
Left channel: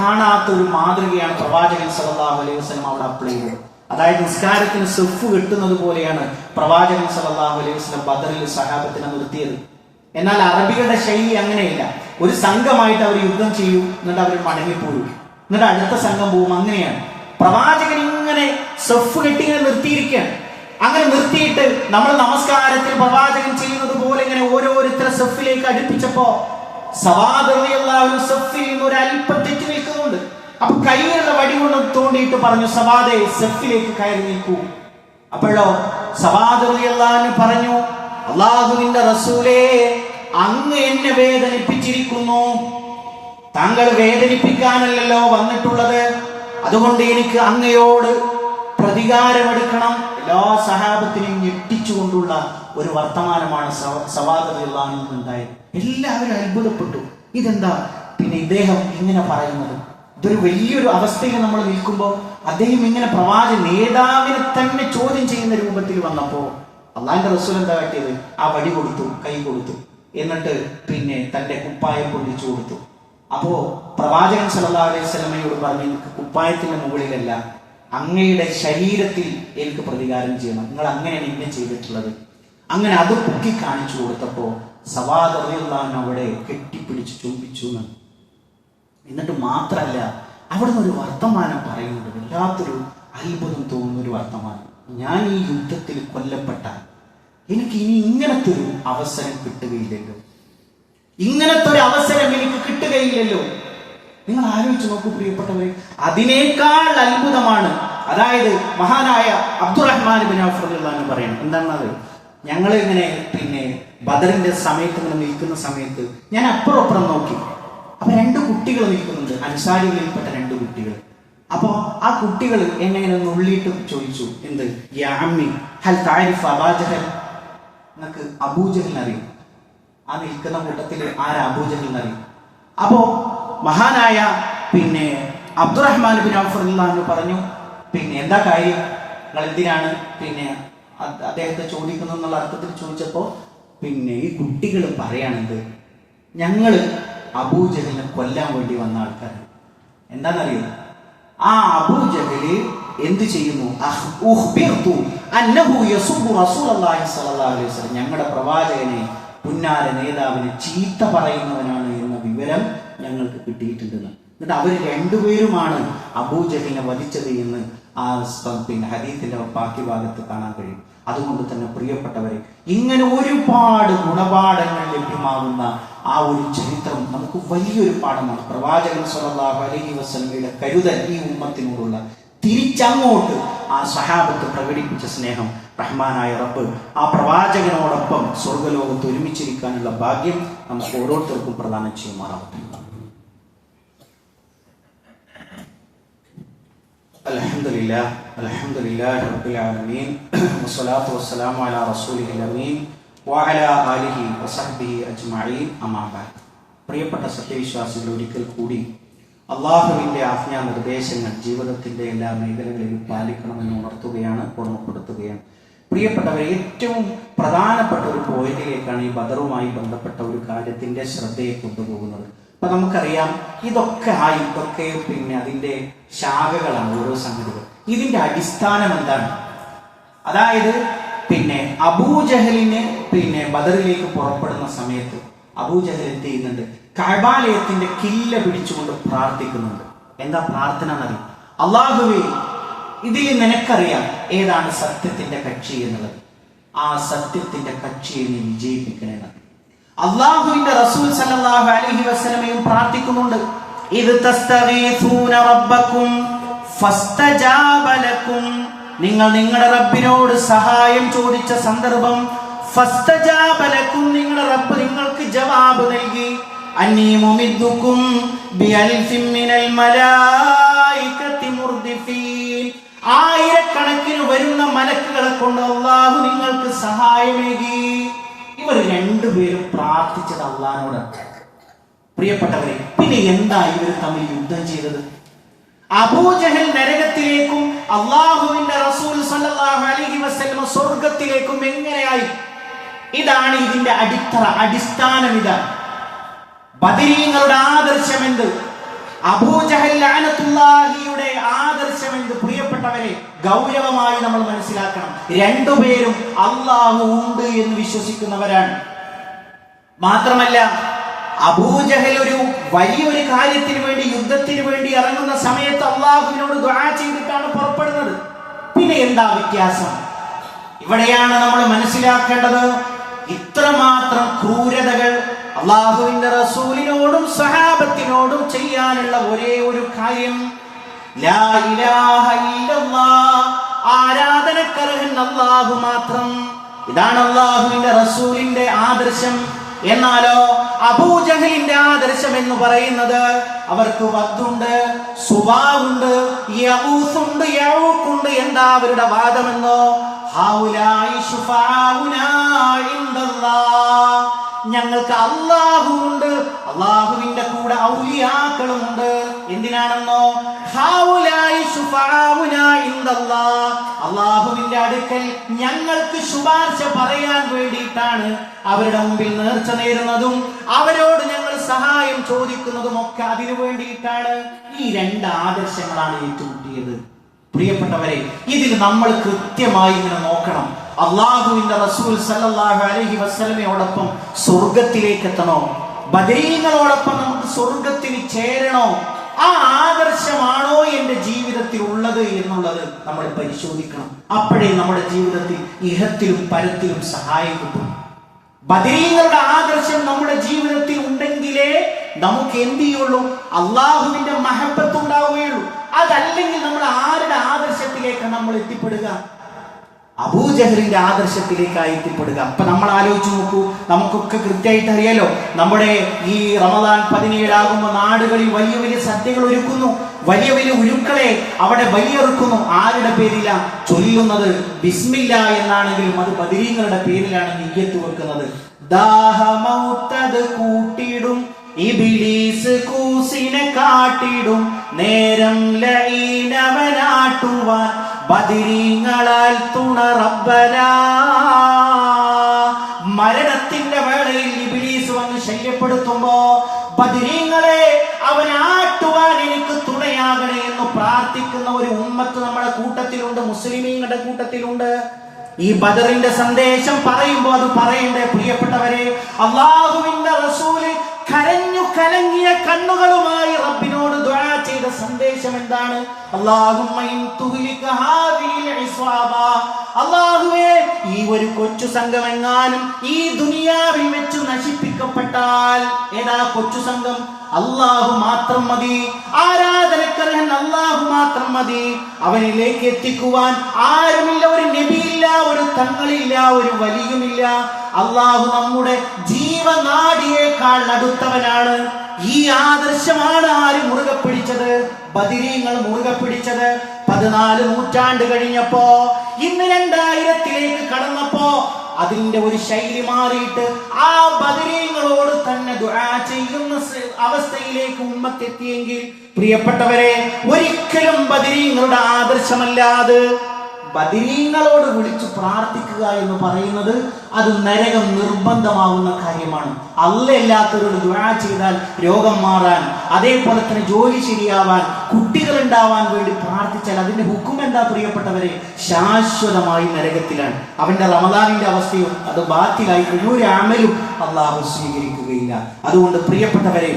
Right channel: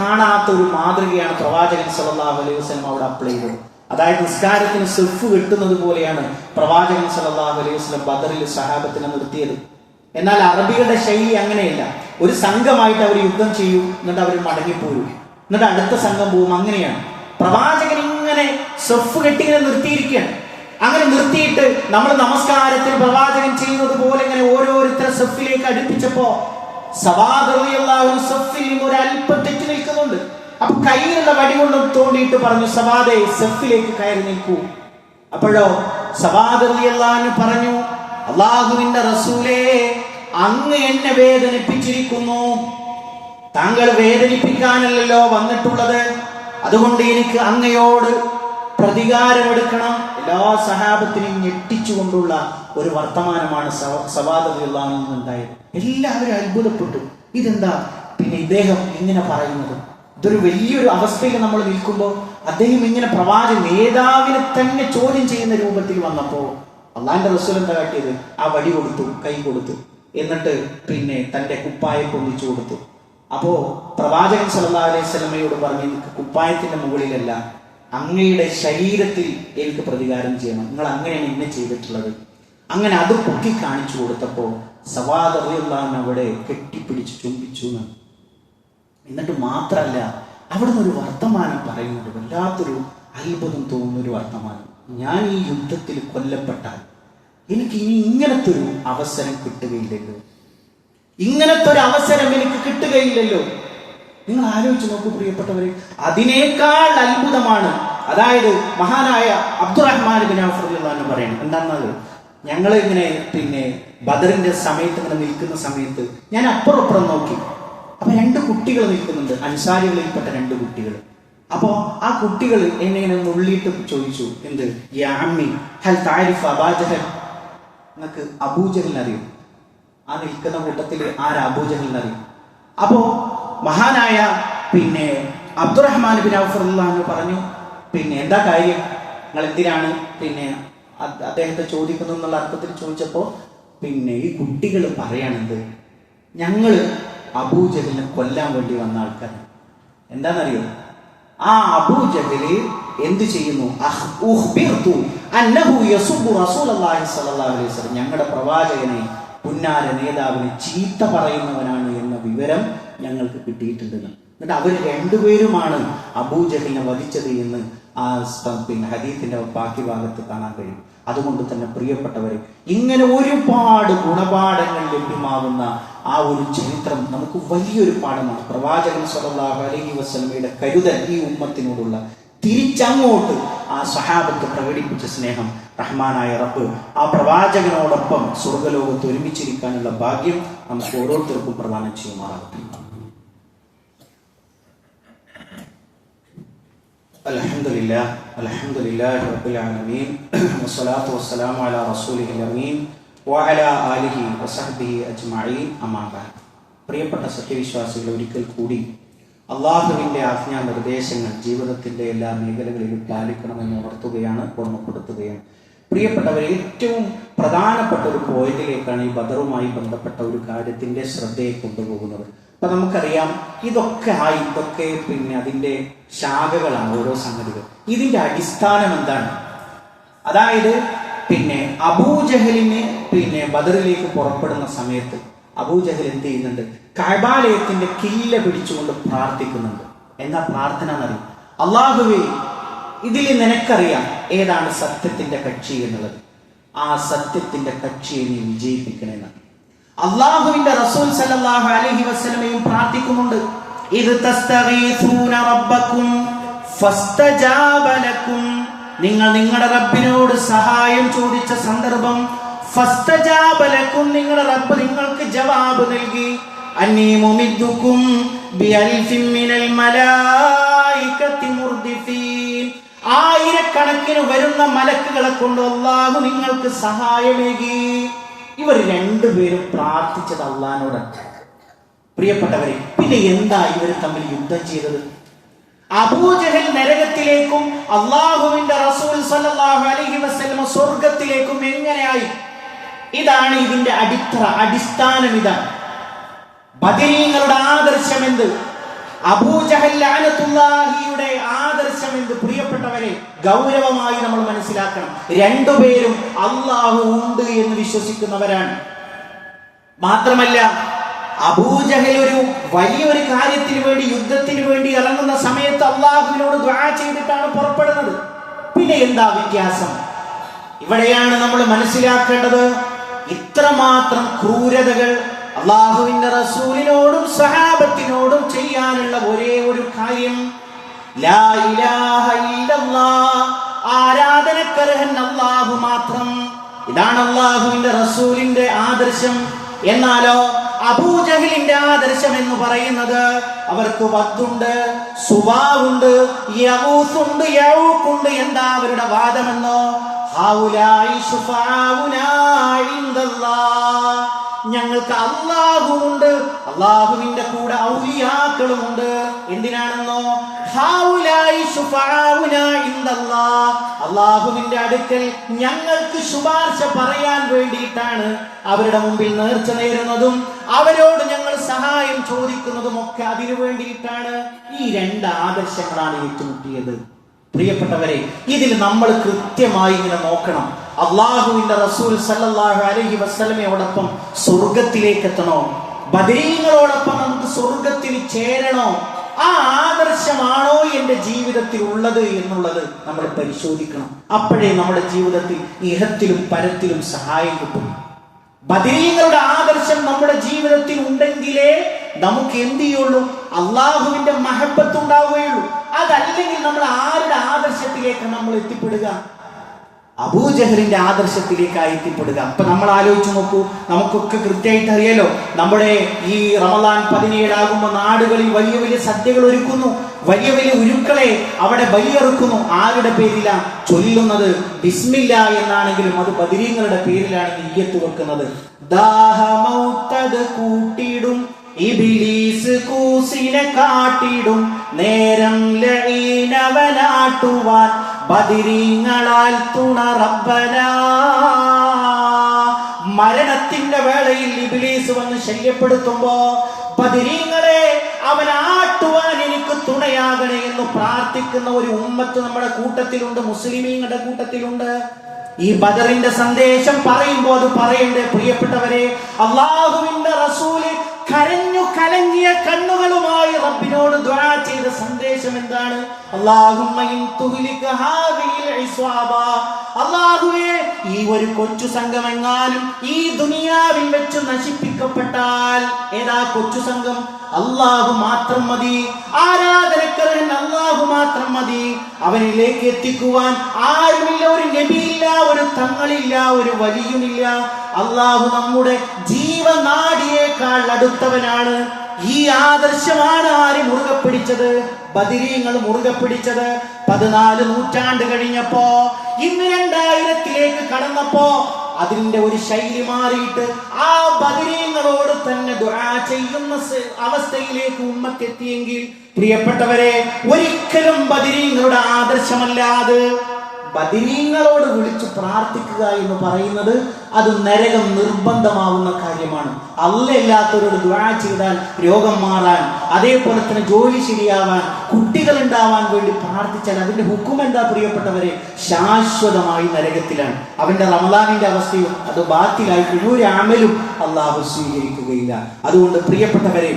കാണാത്ത ഒരു മാതൃകയാണ് പ്രവാചകൻ സല്ലല്ലാഹു അലൈഹി വസല്ലം അവിടെ അപ്ലൈ ചെയ്തത്. അതായത് നിസ്കാരത്തിന് സെഫ് കെട്ടുന്നത് പോലെയാണ് പ്രവാചകൻ സല്ലല്ലാഹു അലൈഹി വസല്ലം ബദറിൽ സഹാബത്തിനെ നിർത്തിയത്. എന്നാൽ അറബികളുടെ ശൈലി അങ്ങനെയല്ല. ഒരു സംഘമായിട്ട് അവർ യുദ്ധം ചെയ്യും, എന്നിട്ട് അവർ മടങ്ങിപ്പോരും, എന്നിട്ട് അടുത്ത സംഘം പോവും. അങ്ങനെയാണ് പ്രവാചകൻ ഇങ്ങനെ സെഫ് കെട്ടി ഇങ്ങനെ നിർത്തിയിരിക്കുകയാണ്. അങ്ങനെ നിർത്തിയിട്ട് നമ്മൾ നമസ്കാരത്തിന് പ്രവാചകൻ ചെയ്യുന്നത് പോലെ ഇങ്ങനെ ഓരോരുത്തരെ സെഫിലേക്ക് അടുപ്പിച്ചപ്പോ സവാദ് റളിയല്ലാഹു അൻഹു സെഫിൽ നിന്ന് ഒരു അല്പം തെറ്റി നിൽക്കുന്നുണ്ട്. അപ്പൊ കയ്യിലുള്ള വടി കൊണ്ട് തോണ്ടിയിട്ട് പറഞ്ഞു, സവാദേ, സെഫിലേക്ക് കയറി നിൽക്കൂ. അപ്പോഴോ സവാദ് റളിയല്ലാഹു അൻഹു പറഞ്ഞു, അല്ലാഹുവിന്റെ റസൂലേ, അങ്ങ് എന്നെ വേദനിപ്പിച്ചിരിക്കുന്നു. താങ്കൾ വേദനിപ്പിക്കാനല്ലല്ലോ വന്നിട്ടുള്ളത്. അതുകൊണ്ട് എനിക്ക് അങ്ങയോട് പ്രതികാരമെടുക്കണം. എല്ലാ സഹാബത്തിനും ഞെട്ടിച്ചുകൊണ്ടുള്ള ഒരു വർത്തമാനമാണ് സവാദ് റളിയല്ലാഹു അൻഹു ഉണ്ടായത്. എല്ലാവരും അത്ഭുതപ്പെട്ടു. ഇതെന്താ ഇദ്ദേഹം ഇങ്ങനെ പറയുന്നത്? ഇതൊരു വലിയൊരു അവസ്ഥയിൽ നമ്മൾ നിൽക്കുമ്പോൾ അദ്ദേഹം ഇങ്ങനെ പ്രവാചക നേതാവിനെ തന്നെ ചോദ്യം ചെയ്യുന്ന രൂപത്തിൽ വന്നപ്പോ അള്ളാന്റെ റസൂൽ എന്താ കാട്ടിയത്? ആ വടി കൊടുത്തു, കൈ കൊടുത്തു, എന്നിട്ട് തന്റെ കുപ്പായം പൊന്നിച്ചു കൊടുത്തു. അപ്പോ പ്രവാചകൻ സല്ലല്ലാഹു അലൈഹി വസല്ലമയോട് പറഞ്ഞു, എനിക്ക് കുപ്പായത്തിന്റെ മുകളിലല്ല, അങ്ങയുടെ ശരീരത്തിൽ എനിക്ക് പ്രതികാരം ചെയ്യണം. നിങ്ങൾ അങ്ങനെയാണ് ഇന്നെ ചെയ്തിട്ടുള്ളത്. അങ്ങനെ അത് പൊക്കി കാണിച്ചു കൊടുത്തപ്പോ സവാദ് റളിയല്ലാഹു അൻഹു അവിടെ കെട്ടിപ്പിടിച്ച് ചുംബിച്ചു. എന്നിട്ട് മാത്രല്ല, അവിടെ നിന്ന് ഒരു വർത്തമാനം പറയുന്നുണ്ട്, വല്ലാത്തൊരു അത്ഭുതം തോന്നുന്ന ഒരു വർത്തമാനം. ഞാൻ ഈ യുദ്ധത്തിൽ കൊല്ലപ്പെട്ടാൽ എനിക്ക് ഇനി ഇങ്ങനത്തെ ഒരു അവസരം കിട്ടുകയില്ലല്ലോ, ഇങ്ങനത്തെ ഒരു അവസരം എനിക്ക് കിട്ടുകയില്ലല്ലോ. നിങ്ങൾ ആലോചിച്ച് നോക്കൂ പ്രിയപ്പെട്ടവരെ, അതിനേക്കാൾ അത്ഭുതമാണ്. അതായത് മഹാനായ അബ്ദുറഹ്മാൻ ഇബ്നു ഔഫ് റളിയല്ലാഹു അൻഹു പറയണം, എന്താണെന്നത്, ഞങ്ങൾ ഇങ്ങനെ ബദറിന്റെ സമയത്ത് ഇങ്ങനെ നിൽക്കുന്ന സമയത്ത് ഞാൻ അപ്പുറം നോക്കി. അപ്പൊ 2 കുട്ടികൾ നിൽക്കുന്നുണ്ട്, അൻസാരികളിൽപ്പെട്ട 2 കുട്ടികൾ. അപ്പോ ആ കുട്ടികൾ എന്നെ ഉള്ളിട്ട് ചോദിച്ചു, എന്ത്, യാ അമ്മി ഹൽ തഅരിഫു അബൂജഹൽ, നിങ്ങൾക്ക് അബൂജഹലിനെ അറിയും? ആ നിൽക്കുന്ന കൂട്ടത്തിൽ ആരാ അബൂജഹലിനെ അറിയും? അപ്പോ മഹാനായ അബ്ദുറഹ്മാൻ ഇബ്നു ഔഫ് റളിയല്ലാഹു അൻഹു പറഞ്ഞു, എന്താ കാര്യം, നിങ്ങൾ എന്തിനാണ് അദ്ദേഹത്തെ ചോദിക്കുന്നു എന്നുള്ള അർത്ഥത്തിൽ ചോദിച്ചപ്പോ ഈ കുട്ടികൾ പറയാണെന്ത്, ഞങ്ങള് അബൂജഹലിനെ കൊല്ലാൻ വേണ്ടി വന്ന ആൾക്കാരാണ്. എന്താണെന്നറിയോ? ആ അബൂജഹല് എന്ത് ചെയ്യുന്നു? ഞങ്ങളുടെ പ്രവാചകനെ, പുന്നാര നേതാവിനെ ചീത്ത പറയുന്നവനാണ് എന്ന വിവരം ഞങ്ങൾക്ക് കിട്ടിയിട്ടുണ്ടെന്ന്. എന്നിട്ട് അവർ 2 പേരുമാണ് അബൂജഹലിനെ വധിച്ചത് എന്ന് ആ ഹദീസിന്റെ ബാക്കി ഭാഗത്ത് കാണാൻ കഴിയും. അതുകൊണ്ട് തന്നെ പ്രിയപ്പെട്ടവരെ, ഇങ്ങനെ ഒരുപാട് ഗുണപാഠങ്ങൾ ലഭ്യമാകുന്ന ആ ഒരു ചരിത്രം നമുക്ക് വലിയൊരു പാഠമാണ്. പ്രവാചകൻ സല്ലല്ലാഹു അലൈഹി വസല്ലമയുടെ കരുതൽ ഈ ഉമ്മത്തിനോടുള്ള, തിരിച്ചങ്ങോട്ട് ആ സഹാബത്ത് പ്രകടിപ്പിച്ച സ്നേഹം, റഹ്മാനായ റബ്ബ് ആ പ്രവാചകനോടൊപ്പം സ്വർഗ്ഗലോകത്ത് ഒരുമിച്ചിരിക്കാനുള്ള ഭാഗ്യം നമുക്ക് ഓരോരുത്തർക്കും പ്രദാനം ചെയ്യുമാറാവട്ടെ. അൽഹംദുലില്ലാഹി റബ്ബിൽ ആലമീൻ വസ്സലാത്തു വസ്സലാമു അലാ റസൂലിഹിൽ അമീൻ വഅലാ ആലിഹി വസഹ്ബിഹി അജ്മഈൻ. അമ്മാ ബഅദ്. പ്രിയപ്പെട്ട സത്യവിശ്വാസികൾ, ഒരിക്കൽ കൂടി അള്ളാഹുവിന്റെ ആജ്ഞാ നിർദ്ദേശങ്ങൾ ജീവിതത്തിന്റെ എല്ലാ മേഖലകളിലും പാലിക്കണമെന്ന് ഉണർത്തുകയാണ്, ഓർമ്മപ്പെടുത്തുകയാണ്. പ്രിയപ്പെട്ടവർ, ഏറ്റവും പ്രധാനപ്പെട്ട ഒരു പോയിന്റിലേക്കാണ് ഈ ബദറുമായി ബന്ധപ്പെട്ട ഒരു കാര്യത്തിന്റെ ശ്രദ്ധയെ കൊണ്ടുപോകുന്നത്. അപ്പൊ നമുക്കറിയാം, ഇതൊക്കെ അതിന്റെ ശാഖകളാണ്, ഓരോ സംഗതികൾ. ഇതിന്റെ അടിസ്ഥാനം എന്താണ്? അതായത് അബൂജഹലിനെ ബദറിലേക്ക് പുറപ്പെടുന്ന സമയത്ത് അബൂജഹൽ എന്ത് ചെയ്യുന്നുണ്ട്? കഅബാലയത്തിന്റെ കില്ല പിടിച്ചുകൊണ്ട് പ്രാർത്ഥിക്കുന്നുണ്ട്. എന്താ പ്രാർത്ഥന എന്നറിയാം? അല്ലാഹുവേ, ഇതിൽ നിനക്കറിയാം ഏതാണ് സത്യത്തിന്റെ കക്ഷി എന്നുള്ളത്. ആ സത്യത്തിന്റെ കക്ഷിയെ നീ വിജയിപ്പിക്കണമെന്ന് അല്ലാഹുവിന്റെ റസൂൽ സല്ലല്ലാഹു അലൈഹി വസല്ലമയും പ്രാർത്ഥിക്കുന്നുണ്ട്. ഇദ് തസ്തഗീസൂന റബ്ബക്കും ഫസ്തജാബ ലക്കും, നിങ്ങൾ നിങ്ങളുടെ റബ്ബിനോട് സഹായം ചോദിച്ച സന്ദർഭം, ഫസ്തജാബ ലക്കും, നിങ്ങളുടെ റബ്ബ് നിങ്ങൾക്ക് ജവാബ് നൽകി. അന്നീ മുമിദ്ദുക്കും ബിഅൽഫിൻ മിനൽ മലായികതി മുർദിഫീൻ, ആയിരക്കണക്കിന് വരുന്ന മലക്കുകളെ കൊണ്ട് അല്ലാഹു നിങ്ങൾക്ക് സഹായമേകി. ഇവർ രണ്ടുപേരും പ്രാർത്ഥിച്ചത് അല്ലാഹുവിനോട്. പ്രിയപ്പെട്ടവരെ, പിന്നെ എന്താ ഇവർ തമ്മിൽ യുദ്ധം ചെയ്തത്? അബൂജഹൽ നരകത്തിലേക്കും അല്ലാഹുവിന്റെ റസൂൽ സല്ലല്ലാഹു അലൈഹി വസല്ലം സ്വർഗത്തിലേക്കും എങ്ങനെയായി? ഇതാണ് ഇതിന്റെ അടിസ്ഥാനം. ഇതാണ് ബദരീങ്ങളുടെ ആദർശം എന്ത്, അബൂജഹൽ ലഅനത്തുല്ലാഹിയുടെ ആദർശം എന്ത്? പ്രിയപ്പെട്ടവരെ, ഗൗരവമായി നമ്മൾ മനസ്സിലാക്കണം. രണ്ടുപേരും അല്ലാഹു ഉണ്ട് എന്ന് വിശ്വസിക്കുന്നവരാണ്. മാത്രമല്ല, അബൂജഹൽ ഒരു വലിയൊരു കാര്യത്തിന് വേണ്ടി, യുദ്ധത്തിന് വേണ്ടി ഇറങ്ങുന്ന സമയത്ത് അല്ലാഹുവിനോട് ദുആ ചെയ്തിട്ടാണ് പുറപ്പെടുന്നത്. പിന്നെ എന്താ വ്യത്യാസം? ഇവിടെയാണ് നമ്മൾ മനസ്സിലാക്കേണ്ടത്. ഇത്രമാത്രം ക്രൂരതകൾ അല്ലാഹുവിന്റെ റസൂലിനോടും സഹാബത്തിനോടും ചെയ്യാനുള്ള ഒരേ ഒരു കാര്യം, ലാ ഇലാഹ ഇല്ലല്ലാഹ്, ആരാധനക്കർഹൻ അല്ലാഹു മാത്രം. ഇതാണ് അല്ലാഹുവിന്റെ റസൂലിന്റെ ആദർശം. എന്നാലോ അബൂജഹലിന്റെ ആദർശം എന്ന് പറയുന്നത്, അവർക്ക് വദ്ദുണ്ട്, സുവാഉണ്ട്, യഊസുണ്ട്, യഊഖുണ്ട്. എന്താ അവരുടെ വാദമെന്നോ? ഹൗലായി ശുഫാഉനാ ഇൻദല്ലാഹ്, ഞങ്ങൾക്ക് അല്ലാഹു ഉണ്ട്, അല്ലാഹുവിന്റെ കൂടെ ഔലിയാക്കളുണ്ട്. എന്തിനാണെന്നോ? ഹൗലായി ശുഫാഉനാ ഇൻദല്ലാഹ്, അല്ലാഹുവിന്റെ അടുക്കൽ ഞങ്ങൾക്ക് ശുപാർശ പറയാൻ വേണ്ടിയിട്ടാണ് അവരുടെ മുമ്പിൽ നേർച്ച നേരുന്നതും അവരോട് ഞങ്ങൾ സഹായം ചോദിക്കുന്നതും ഒക്കെ അതിനു വേണ്ടിയിട്ടാണ്. ഈ രണ്ട് ആദർശങ്ങളാണ് ഏറ്റുമുട്ടിയത്. പ്രിയപ്പെട്ടവരെ, ഇതിൽ നമ്മൾ കൃത്യമായി ഇങ്ങനെ നോക്കണം. അല്ലാഹുവിന്റെ റസൂൽ സല്ലല്ലാഹു അലൈഹി വസല്ലമയോടൊപ്പം സ്വർഗത്തിലേക്ക് എത്തണോ? ബദരീങ്ങളോടൊപ്പം നമുക്ക് സ്വർഗത്തിൽ ചേരണോ? ആ ആദർശമാണോ എന്റെ ജീവിതത്തിൽ ഉള്ളത് എന്നുള്ളത് നമ്മൾ പരിശോധിക്കണം. അപ്പോഴേ നമ്മുടെ ജീവിതത്തിൽ ഇഹത്തിലും പരത്തിലും സഹായം കിട്ടും. ബദരീങ്ങളുടെ ആദർശം നമ്മുടെ ജീവിതത്തിൽ ഉണ്ടെങ്കിലേ നമുക്ക് എന്ത് ചെയ്യുള്ളൂ? അള്ളാഹുവിന്റെ മഹബത്ത് ഉണ്ടാവുകയുള്ളൂ. അതല്ലെങ്കിൽ നമ്മൾ ആരുടെ ആദർശത്തിലേക്ക് നമ്മൾ എത്തിപ്പെടുക? അബൂജഹലിന്റെ ആദർശത്തിലേക്കായി എത്തിപ്പെടുക. അപ്പൊ നമ്മൾ ആലോചിച്ച് നോക്കൂ. നമുക്കൊക്കെ കൃത്യമായിട്ട് അറിയാലോ, നമ്മുടെ ഈ റമദാൻ 17 ആകുമ്പോൾ നാടുകളിൽ വലിയ വലിയ സദ്യകൾ ഒരുക്കുന്നു, വലിയ വലിയ ഉരുക്കളെ അവിടെ ബലിയറുക്കുന്നു. ആരുടെ പേരിലാണ് ചൊല്ലുന്നത്? ബിസ്മില്ല എന്നാണെങ്കിലും അത് ബദരീങ്ങളുടെ പേരിലാണ് നിയ്യത്ത് വെക്കുന്നത്. ദാഹമൗത്തത് കൂട്ടിടും, ഇബ്ലീസ് കൂസിനെ കാട്ടിടും, നേരം ലഈനവനാട്ടുവാൻ ബദരീങ്ങളാൽ തുണ റബ്ബനാ. മരണത്തിന്റെ വേളയിൽ ഇബ്ലീസ് വന്ന് ശല്യപ്പെടുത്തുമ്പോ, ബദരീങ്ങളെ അവനാട്ടുവാൻ എനിക്ക് തുണയാകണേ എന്ന് പ്രാർത്ഥിക്കുന്ന ഒരു ഉമ്മത്ത് നമ്മുടെ കൂട്ടത്തിലുണ്ട്, മുസ്ലിമീങ്ങളുടെ കൂട്ടത്തിലുണ്ട്. ഈ ബദറിന്റെ സന്ദേശം പറയുമ്പോൾ അത് പറയണ്ടേ പ്രിയപ്പെട്ടവരെ? അല്ലാഹുവിന്റെ റസൂല് കരഞ്ഞു കലങ്ങിയ കണ്ണുകളുമായി റബ്ബിനോട് ദുആ ചെയ്ത സന്ദേശം എന്താണ്? അല്ലാഹുമ്മ ഇൻ തുഹ്ലിക ഹാദിഹിൽ ഇസ്വാബ, അല്ലാഹുവേ, ഈ ഒരു കൊച്ചു സംഘം എങ്ങാനും ഈ ദുനിയാവിൽ വെച്ച് നശിപ്പിക്കപ്പെട്ടാൽ, ഏതാ കൊച്ചു സംഘം? അല്ലാഹു മാത്രം മതി, ആരാധനക്കർഹൻ അല്ലാഹു മാത്രം മതി. അവനിലേക്ക് എത്തിക്കുവാൻ ആരുമില്ല, ഒരു നബിയില്ല, ഒരു തങ്ങളില്ല, ഒരു വലിയുമില്ല. അല്ലാഹു നമ്മുടെ ജീവനാഡിയേക്കാൾ അടുത്തവനാണ്. ഈ ആദർശമാണ് ആര് മുറുകെ പിടിച്ചത്? ബദരീങ്ങൾ മുറുകെ പിടിച്ചത്. 14 നൂറ്റാണ്ട് കഴിഞ്ഞപ്പോ, ഇന്ന് 2000-ലേക്ക് കടന്നപ്പോ അതിന്റെ ഒരു ശൈലി മാറിയിട്ട് ആ ബദരീങ്ങളോട് തന്നെ ദുആ ചെയ്യുന്ന അവസ്ഥയിലേക്ക് ഉമ്മത്തെത്തിയെങ്കിൽ, പ്രിയപ്പെട്ടവരെ, ഒരിക്കലും ബദരീങ്ങളുടെ ആദർശമല്ലാതെ ബദരീങ്ങളോട് വിളിച്ചു പ്രാർത്ഥിക്കുക എന്ന് പറയുന്നത് അത് നരകം നിർബന്ധമാവുന്ന കാര്യമാണ്. അല്ലാത്തവരോട് ദുആ ചെയ്താൽ രോഗം മാറാൻ, അതേപോലെ തന്നെ ജോലി ശരിയാവാൻ, കുട്ടികൾ ഉണ്ടാവാൻ വേണ്ടി പ്രാർത്ഥിച്ചാൽ അതിന്റെ ഹുക്കും എന്താ പ്രിയപ്പെട്ടവരെ? ശാശ്വതമായി നരകത്തിലാണ്. അവന്റെ റമദാനിന്റെ അവസ്ഥയും അത് ബാത്തിലായി ഒരു അമലും അള്ളാഹു സ്വീകരിക്കുകയില്ല. അതുകൊണ്ട് പ്രിയപ്പെട്ടവരെ,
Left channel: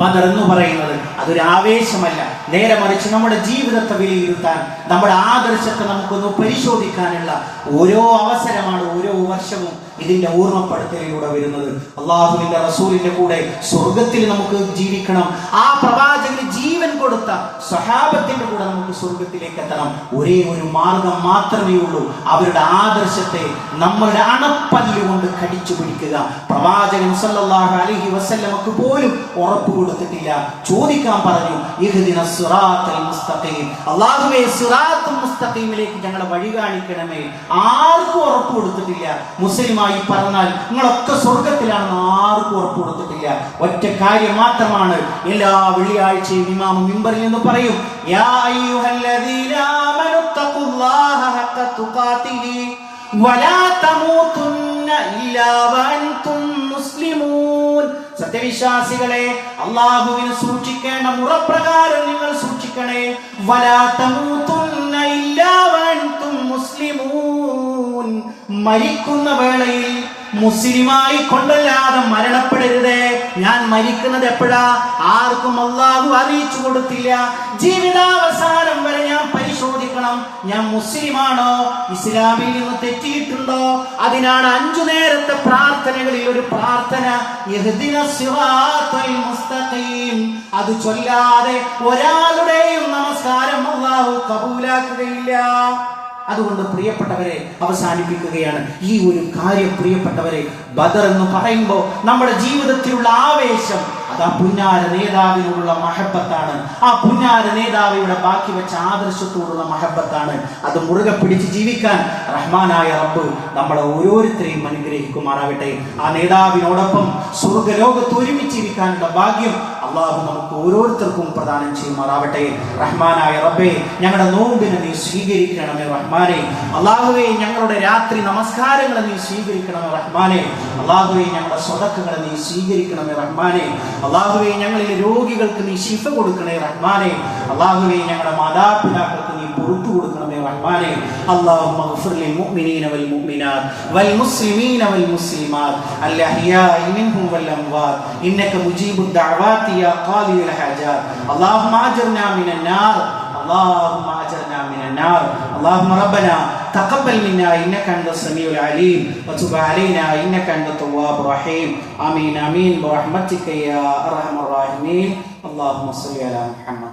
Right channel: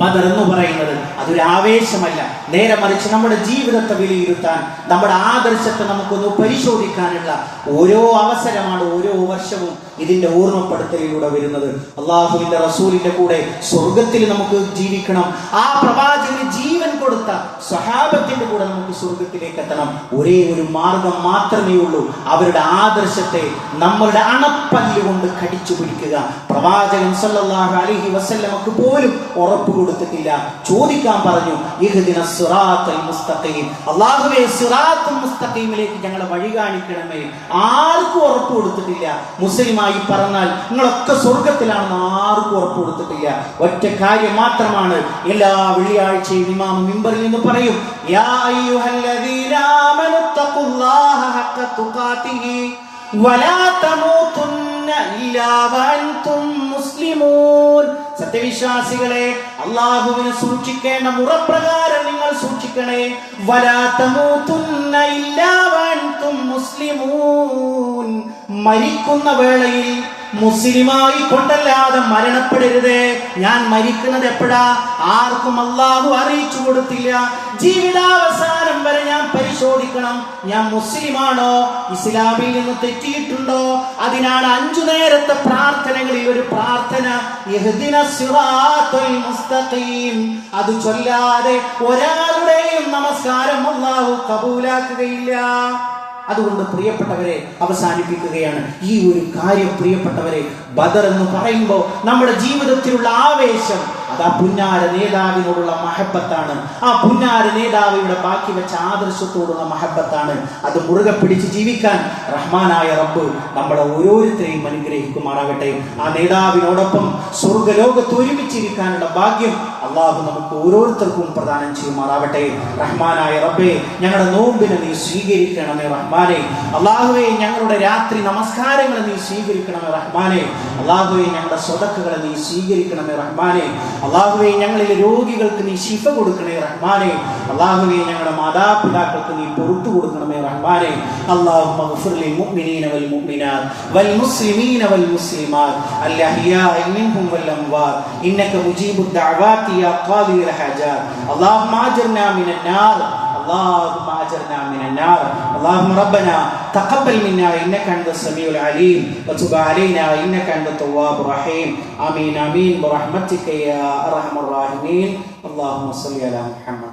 ബദർ എന്ന് പറയുന്നത് അതൊരു ആവേശമല്ല, നേരെ മറിച്ച് നമ്മുടെ ജീവിതത്തെ വിലയിരുത്താൻ, നമ്മുടെ ആദർശത്തെ നമുക്കൊന്ന് പരിശോധിക്കാനുള്ള ഓരോ അവസരമാണ് ഓരോ വർഷവും ഇതിന്റെ ഓർമ്മപ്പെടുത്തലിലൂടെ വരുന്നത്. അള്ളാഹുവിന്റെ റസൂലിന്റെ കൂടെ സ്വർഗത്തിൽ നമുക്ക് ജീവിക്കണം. ആ പ്രവാചകന് ജീവൻ കൊടുത്ത സ്വഹാബത്തിന്റെ കൂടെ നമുക്ക് സ്വർഗത്തിലേക്ക് എത്തണം. ഒരേ ഒരു മാർഗം മാത്രമേ ഉള്ളൂ, അവരുടെ ആദർശത്തെ നമ്മളുടെ അണപ്പല്ല് കൊണ്ട് കടിച്ചു പിടിക്കുക. പ്രവാചകൻ സല്ലല്ലാഹു അലൈഹി വസല്ലമക്ക് പോലും ഉറപ്പ് കൊടുത്തിട്ടില്ല. ചോദിക്കാൻ പറഞ്ഞു, ഇഹ്ദിന സിറാത്തൽ മുസ്തഖീം, അല്ലാഹുവേ സിറാത്തുൽ മുസ്തഖീമിലേക്ക് ഞങ്ങളെ വഴി കാണിക്കണമേ. ആർക്കും ഉറപ്പ് കൊടുത്തിട്ടില്ല. മുസ്ലിമായി പറഞ്ഞാൽ നിങ്ങളൊക്കെ സ്വർഗത്തിലാണെന്ന് ആർക്കും ഉറപ്പ് കൊടുത്തിട്ടില്ല. ഒറ്റ കാര്യം മാത്രമാണ് എല്ലാ വെള്ളിയാഴ്ചയും ഇമാം മിമ്പറിൽ നിന്ന് പറയും, യാ അയ്യുഹല്ലദീന ആമനു തഖുല്ലാഹ ഹഖ തുഖാതിഹി വലാ തമൂതുന്ന ഇല്ലാ വഅൻതും മുസ്ലിമൂൻ. സത്യവിശ്വാസികളെ, അല്ലാഹുവിനെ സൂക്ഷിക്കേണ്ട മുറപ്രകാരം നിങ്ങൾ സൂക്ഷിക്കണേ. വലാ തമൂതുന്ന ഇല്ലാ വഅൻതും മുസ്ലിമൂൻ. മരിക്കുന്ന വേളയിൽ മുസ്ലിമായി കൊണ്ടല്ലാതെ മരണപ്പെടരുത്. ഞാൻ മരിക്കുന്നത് എപ്പോഴാ? ആർക്കും അല്ലാഹു അറിയിച്ചു കൊടുത്തില്ല. ജീവിതാവസാനം വരെ ഞാൻ പരിശോധിക്കണം, ഞാൻ മുസ്ലിമാണോ, ഇസ്ലാമിൽ നിന്ന് തെറ്റിയിട്ടുണ്ടോ. അതിനാണ് 5 നേരത്തെ പ്രാർത്ഥനകളിൽ ഒരു പ്രാർത്ഥന, ഇഹ്ദിന സിറാത്തൽ മുസ്തഖീം. അത് ചൊല്ലാതെ ഒരാളുടെയും നമസ്കാരം അല്ലാഹു കബൂലാക്കുകയില്ല. അതുകൊണ്ട് പ്രിയപ്പെട്ടവരെ, അവസാനിപ്പിക്കുകയാണ് ഈ ഒരു കാര്യം. പ്രിയപ്പെട്ടവരെ, ബദർ എന്ന് പറയുമ്പോൾ നമ്മുടെ ജീവിതത്തിലുള്ള ആവേശം അത് ആ പുന്നാര നേതാവിനോടുള്ള മഹബത്താണ്. ആ പുന്നാര നേതാവിയുടെ ബാക്കി വെച്ച ആദർശത്തോടുള്ള മഹബത്താണ്. അത് മുറുകെ പിടിച്ച് ജീവിക്കാൻ റഹ്മാനായ റബ്ബ് നമ്മളെ ഓരോരുത്തരെയും അനുഗ്രഹിക്കുമാറാകട്ടെ. ആ നേതാവിനോടൊപ്പം സ്വർഗ്ഗലോകത്ത് ഒരുമിച്ചിരിക്കാനുള്ള ഭാഗ്യം അള്ളാഹു നമുക്ക് ഓരോരുത്തർക്കും പ്രദാനം ചെയ്യുമാറാകട്ടെ. റഹ്മാനായ റബ്ബേ, ഞങ്ങളുടെ നോമ്പിനെ നീ സ്വീകരിക്കണമേ റഹ്മാനെ. അള്ളാഹുവേ, ഞങ്ങളുടെ രാത്രി നമസ്കാരങ്ങളെ നീ സ്വീകരിക്കണമേ റഹ്മാനെ. അള്ളാഹുവേ, ഞങ്ങളുടെ സ്വതക്കുകളെ നീ സ്വീകരിക്കണമേ റഹ്മാനെ. അള്ളാഹുവേ, ഞങ്ങളിലെ രോഗികൾക്ക് നീ ശിഫ കൊടുക്കണേ റഹ്മാനെ. അള്ളാഹുവേ, ഞങ്ങളുടെ മാതാപിതാക്കൾക്ക് നീ പുറത്തു കൊടുക്കണമേ റഹ്മാനെ. അല്ലാഹുമ്മ ഗ്ഫിർ ലിൽ മുഅ്മിനീന വൽ മുഅ്മിനാത്ത് വൽ മുസ്ലിമീന വൽ മുസ്ലിമാത്ത് അൽ അഹ്യാഇ മിൻഹും വൽ അംവാത്ത് ഇന്നക മുജീബുദ് ദഅവാതി യാ ഖാദിയൽ ഹാജാത്ത്. അല്ലാഹുമ്മ അജ്ർനാ മിനൻ നാർ, اللهم اجرنا من النار. اللهم ربنا تقبل منا انك انت السميع العليم وتب علينا انك انت التواب الرحيم. امين امين برحمتك يا ارحم الراحمين. اللهم صل على محمد.